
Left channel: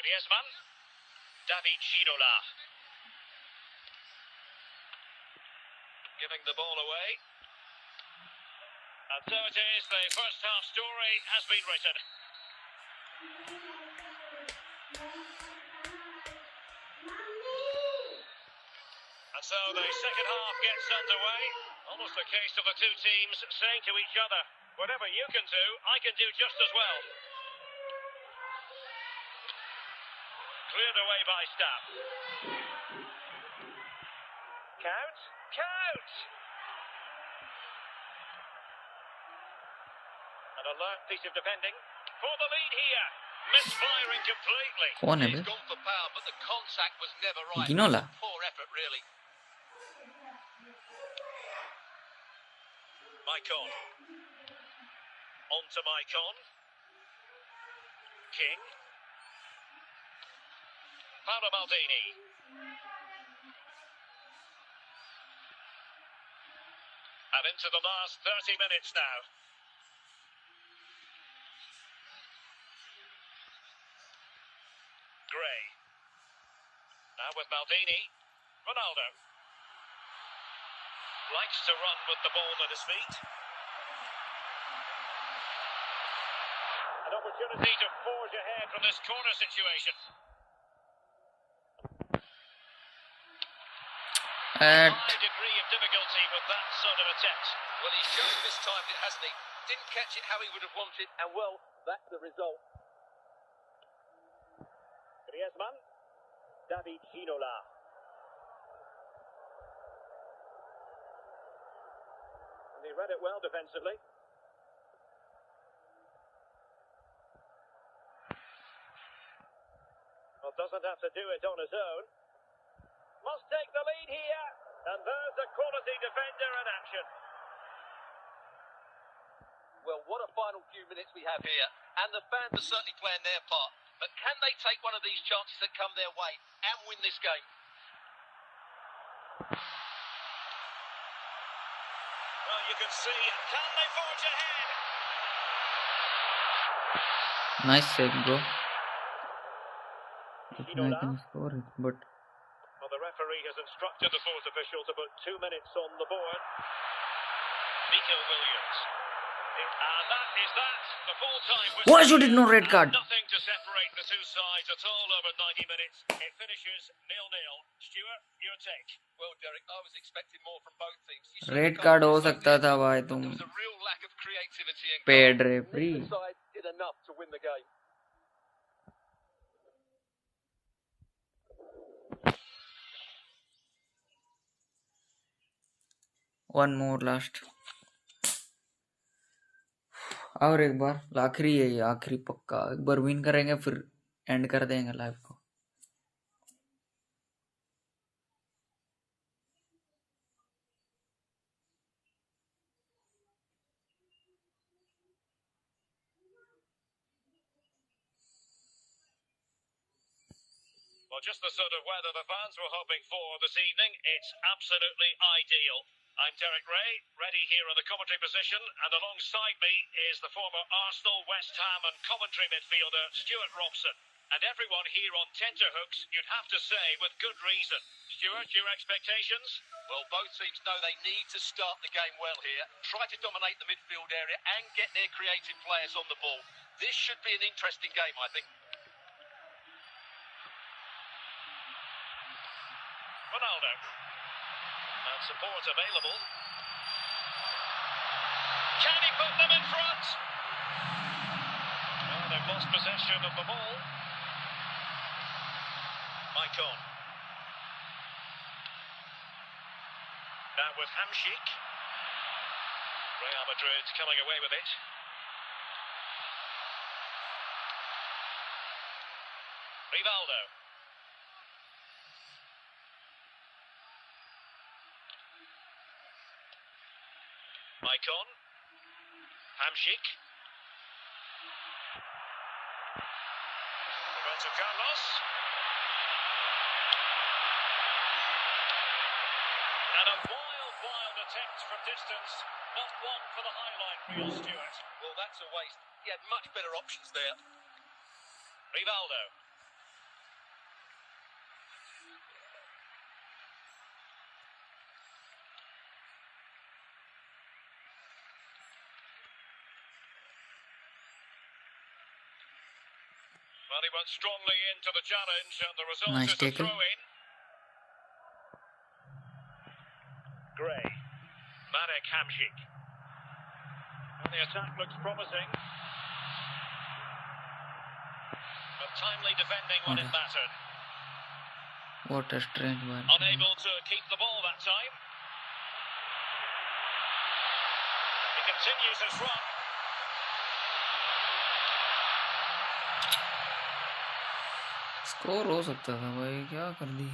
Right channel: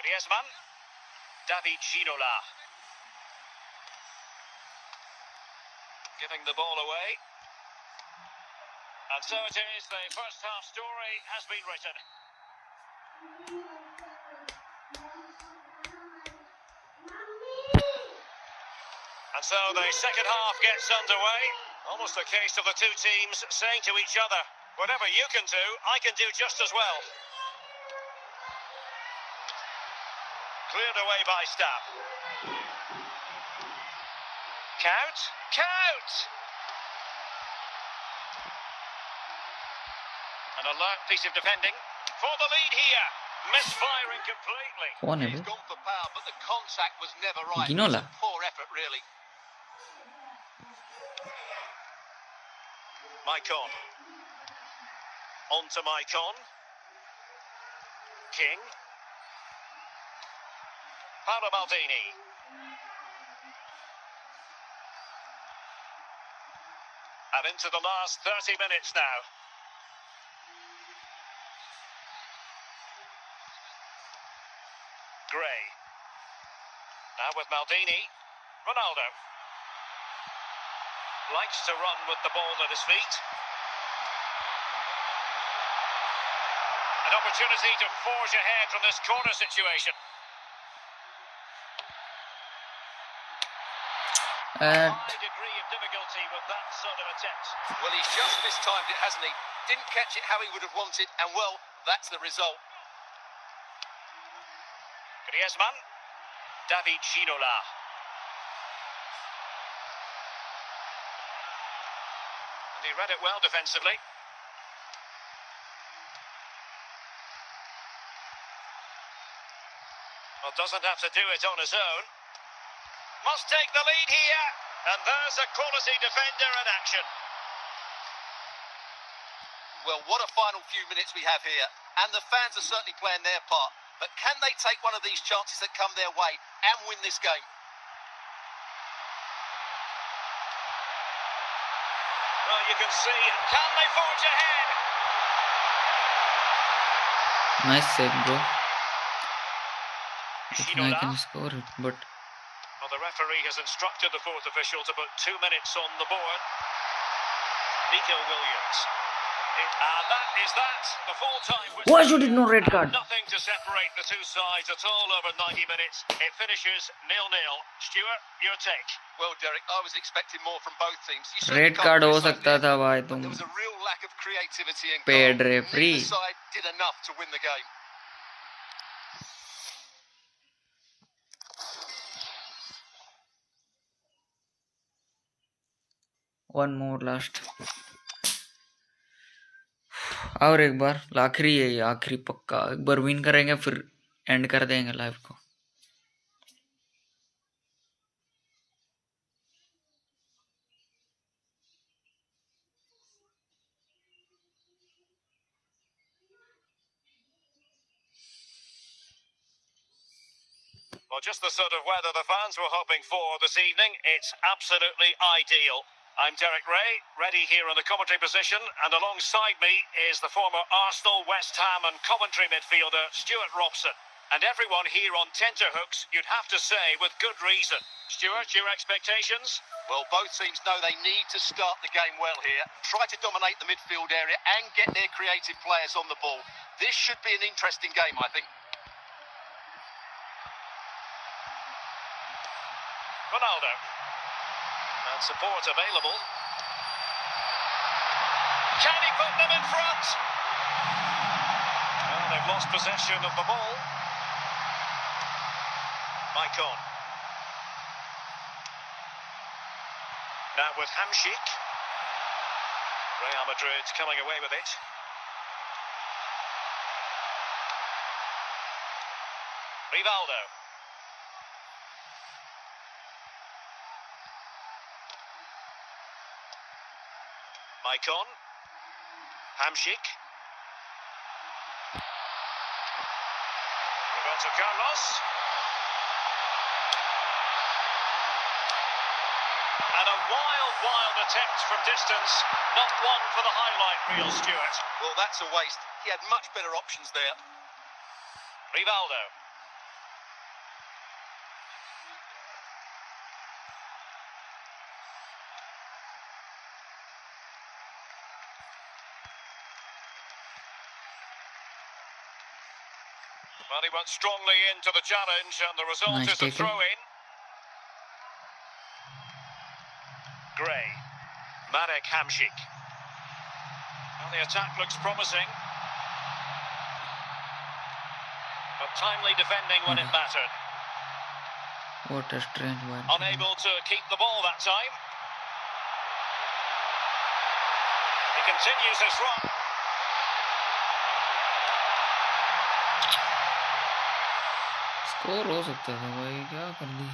Griezmann. David Ginola. Giving the ball away. And so it is, the first half story has been written. And so the second half gets underway. Almost a case of the two teams saying to each other, whatever you can do, I can do just as well. Cleared away by Stab. Count. Count! An alert piece of defending for the lead here. Misfiring completely. कौन है He's be gone for power, but the contact was never right. Ginola. Poor effort, really. Maicon. On to Maicon. King. Paolo Maldini. And into the last 30 minutes now. Gray. Now with Maldini. Ronaldo. Likes to run with the ball at his feet. An opportunity to forge ahead from this corner situation. at High degree of difficulty with that sort of attempt. Well, he's just mistimed it, hasn't he? Didn't catch it how he would have wanted, and well, that's the result. Griezmann. David Ginola. And he read it well defensively. Well, doesn't have to do it on his own. Must take the lead here. And there's a quality defender in action. Well, what a final few minutes we have here, and the fans are certainly playing their part. But can they take one of these chances that come their way and win this game? Well, you can see, and can they forge ahead? nice save bro I think I Ginola. can score it but Well, the referee has instructed the fourth official to put 2 minutes on the board. Nico Williams. And that is that. The full-time whistle. why should it no red card Nothing to separate the two sides at all over 90 minutes. It finishes 0-0. Stuart, your take. Well, Derek, I was expecting more from both teams. You certainly red can't card हो criticize सकता this, था भाई but तुम there was a real lack of creativity and Paid goal. referee. Neither side did enough to win the game. One more last, और एक बार आखिरी है ये, आखिरी पक्का एक बार विन करेंगे फिर एंड कर देंगे लाइव को. Well, just the sort of weather the fans were hoping for this evening. It's absolutely ideal. I'm Derek Ray, ready here in the commentary position, and alongside me is the former Arsenal, West Ham and Coventry midfielder Stuart Robson. And everyone here on tenterhooks, you'd have to say, with good reason. Stuart, your expectations? Well, both teams know they need to start the game well here, try to dominate the midfield area and get their creative players on the ball. This should be an interesting game, I think. Ronaldo. And support available. Can he put them in front? Well, they've lost possession of the ball. Maicon. Now with Hamšík. Real Madrid coming away with it. Rivaldo. Maicon. Hamšík. Roberto Carlos. And a wild attempt from distance. Not one for the highlight reel, Stuart. Well, that's a waste. He had much better options there. Rivaldo. Well, he went strongly into the challenge, and the result Nice is a tackle. throw-in. Gray. Marek Hamšík. And the attack looks promising. But timely defending when it mattered. What a strange one. Unable to keep the ball that time. He continues his run. Score हो सकता था भाई, क्या कर दी.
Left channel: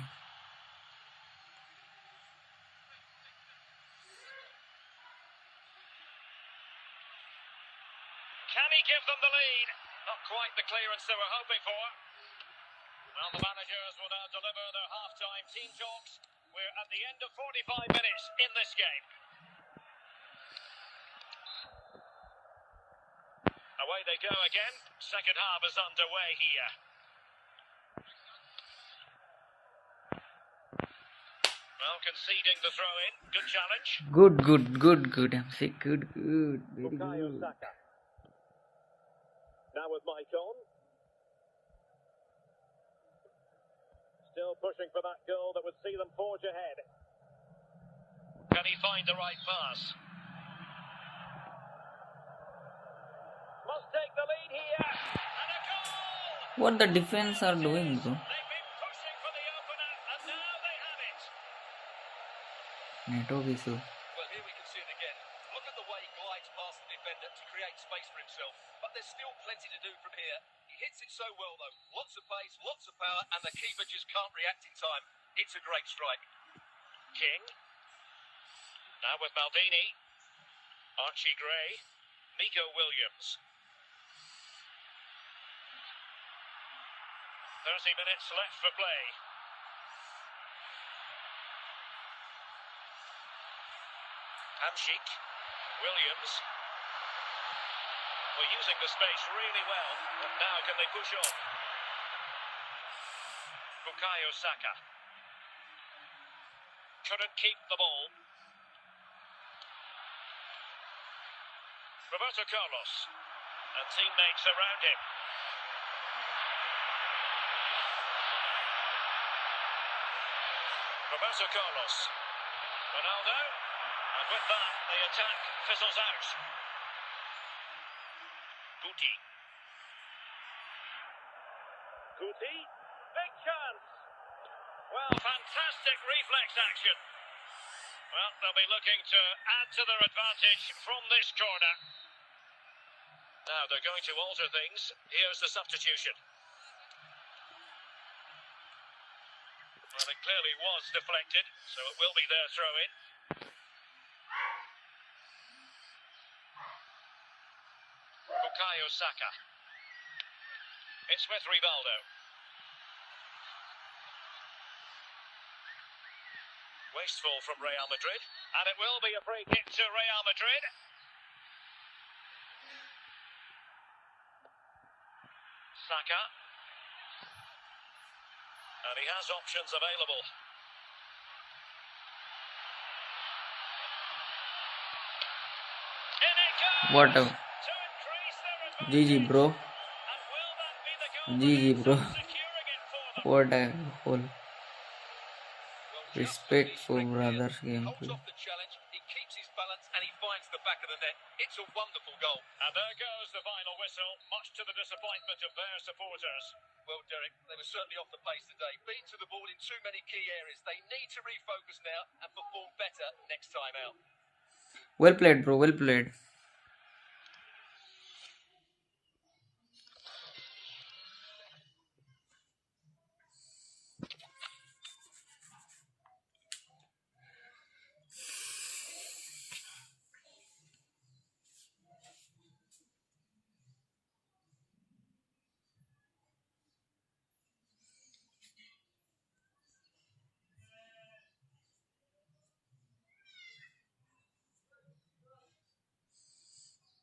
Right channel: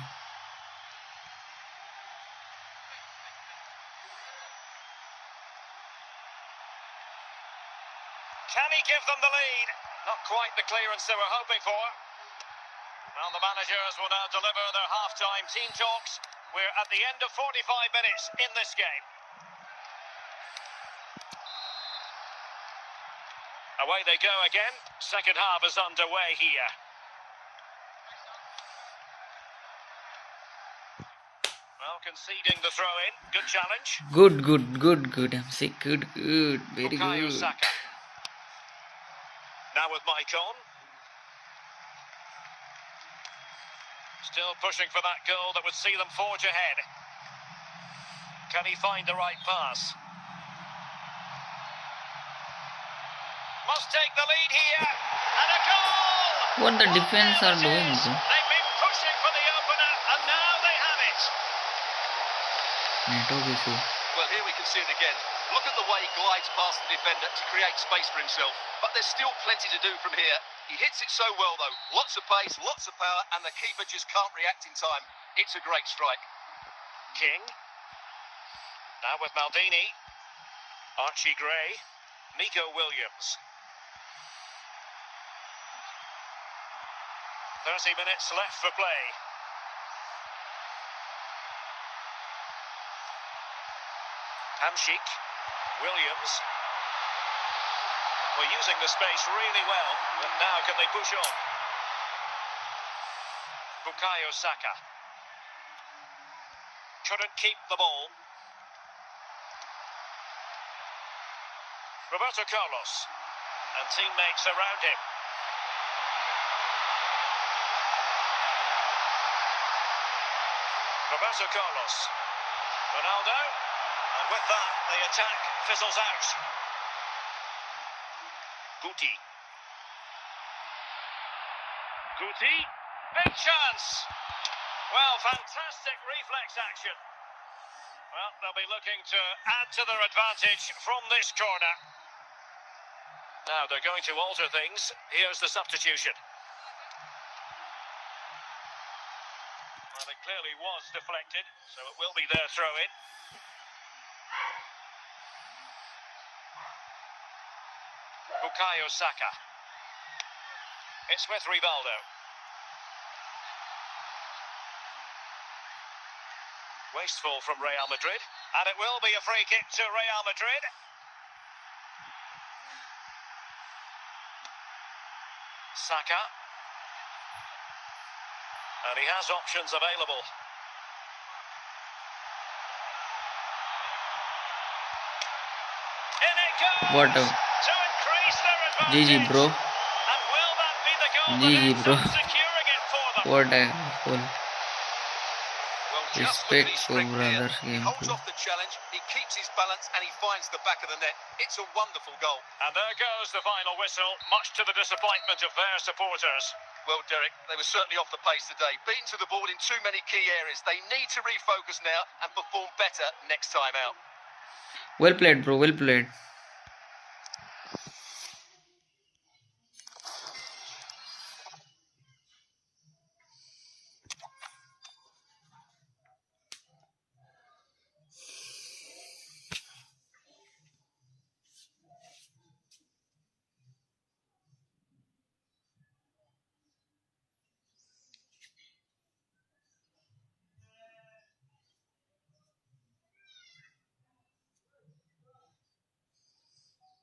Can he give them the lead? Not quite the clearance they were hoping for. Well, the managers will now deliver their half-time team talks. We're at the end of 45 minutes in this game. Away they go again. Second half is underway here. Well, conceding the throw-in. Good challenge. Good. I'm sick. Good. Very Bukayo good. Saka. Now with Maicon. Still pushing for that goal that would see them forge ahead. Can he find the right pass? Must take the lead here. And a goal! What the defense are doing, bro? They've been pushing for the opener, and now they have it. Network issue. Well, here we can see it again. Look at the way he glides past the defender to create space for himself. But there's still plenty to do from here. He hits it so well, though. Lots of pace, lots of power, and the keeper just can't react in time. It's a great strike. King. Now with Maldini. Archie Gray. Nico Williams. 30 minutes left for play. Hamšík. Williams. We're using the space really well, but now can they push on? Bukayo Saka. Couldn't keep the ball. Roberto Carlos. And teammates around him. Roberto Carlos. Ronaldo. And with that, the attack fizzles out. Guti. Big chance. Well, fantastic reflex action. Well, they'll be looking to add to their advantage from this corner. Now they're going to alter things. Here's the substitution. Well, it clearly was deflected, so it will be their throw-in. Bukayo Saka. It's with Rivaldo. Wasteful from Real Madrid. And it will be a free kick to Real Madrid. Saka. And he has options available. In it goes! What a To increase their GG, advantage. bro. And will that be the goal that GG, ends bro. up securing it for them? What a goal. Well, just look at his Respectful strength brothers here. He holds gameplay. off the challenge, he keeps his balance, and he finds the back of the net. It's a wonderful goal. And there goes the final whistle, much to the disappointment of their supporters. Well, Derek, they were certainly off the pace today. Beaten to the ball in too many key areas. They need to refocus now and perform better next time out. Well played, bro. Well played.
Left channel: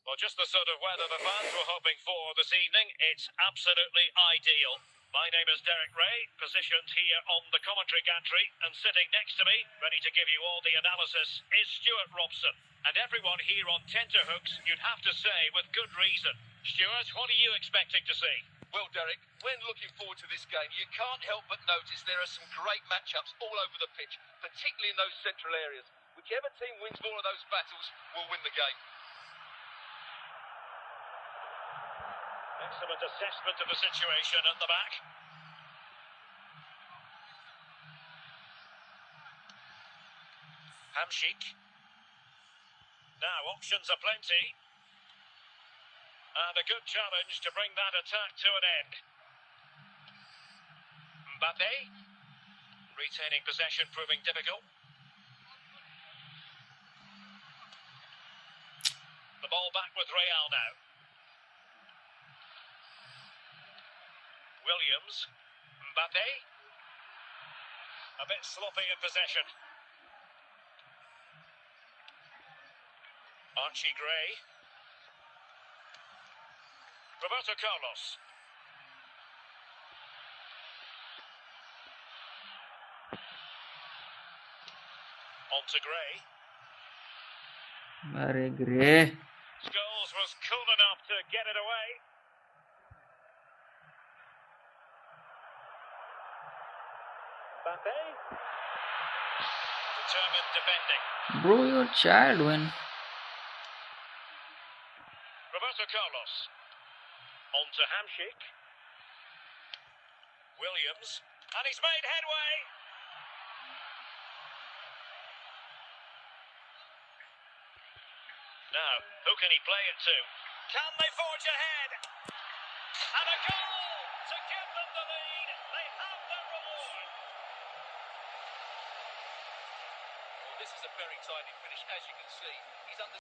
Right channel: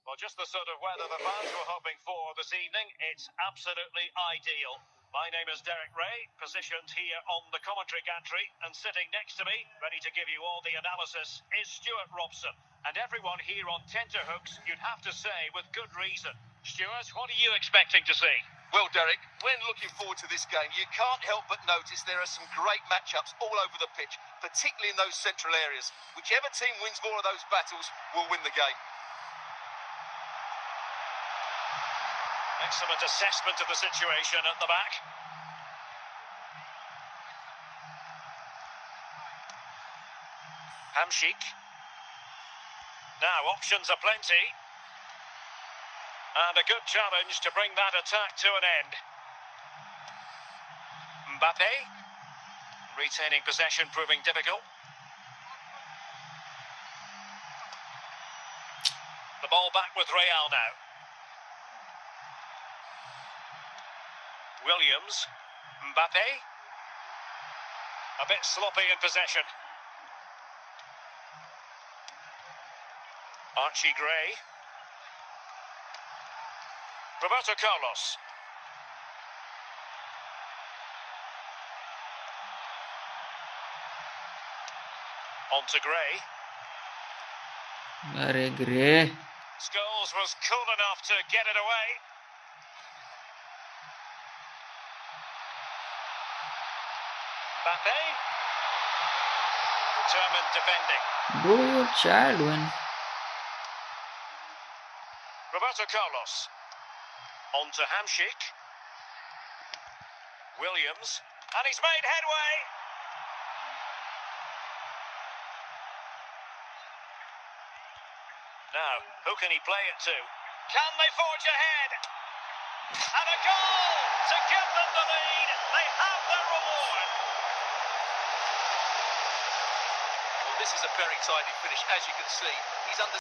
Well, just the sort of weather the fans were hoping for this evening. It's absolutely ideal. My name is Derek Ray, positioned here on the commentary gantry, and sitting next to me, ready to give you all the analysis, is Stuart Robson. And everyone here on tenterhooks, you'd have to say, with good reason. Stuart, what are you expecting to see? Well, Derek, when looking forward to this game, you can't help but notice there are some great matchups all over the pitch, particularly in those central areas. Whichever team wins more of those battles will win the game. Excellent assessment of the situation at the back. Hamšík. Now, options are plenty. And a good challenge to bring that attack to an end. Mbappe. Retaining possession proving difficult. The ball back with Real now. Williams. Mbappe. A bit sloppy in possession. Archie Gray. Roberto Carlos. On to Gray. Arey Gray. Scholes was cool enough to get it away. Mbappe. Determined defending. Bro, your child when. Roberto Carlos. On to Hamšík. Williams. And he's made headway. Now, who can he play it to? Can they forge ahead? And a goal to give them the lead. They have their reward. Well, this is a very tidy finish, as you can see. He's under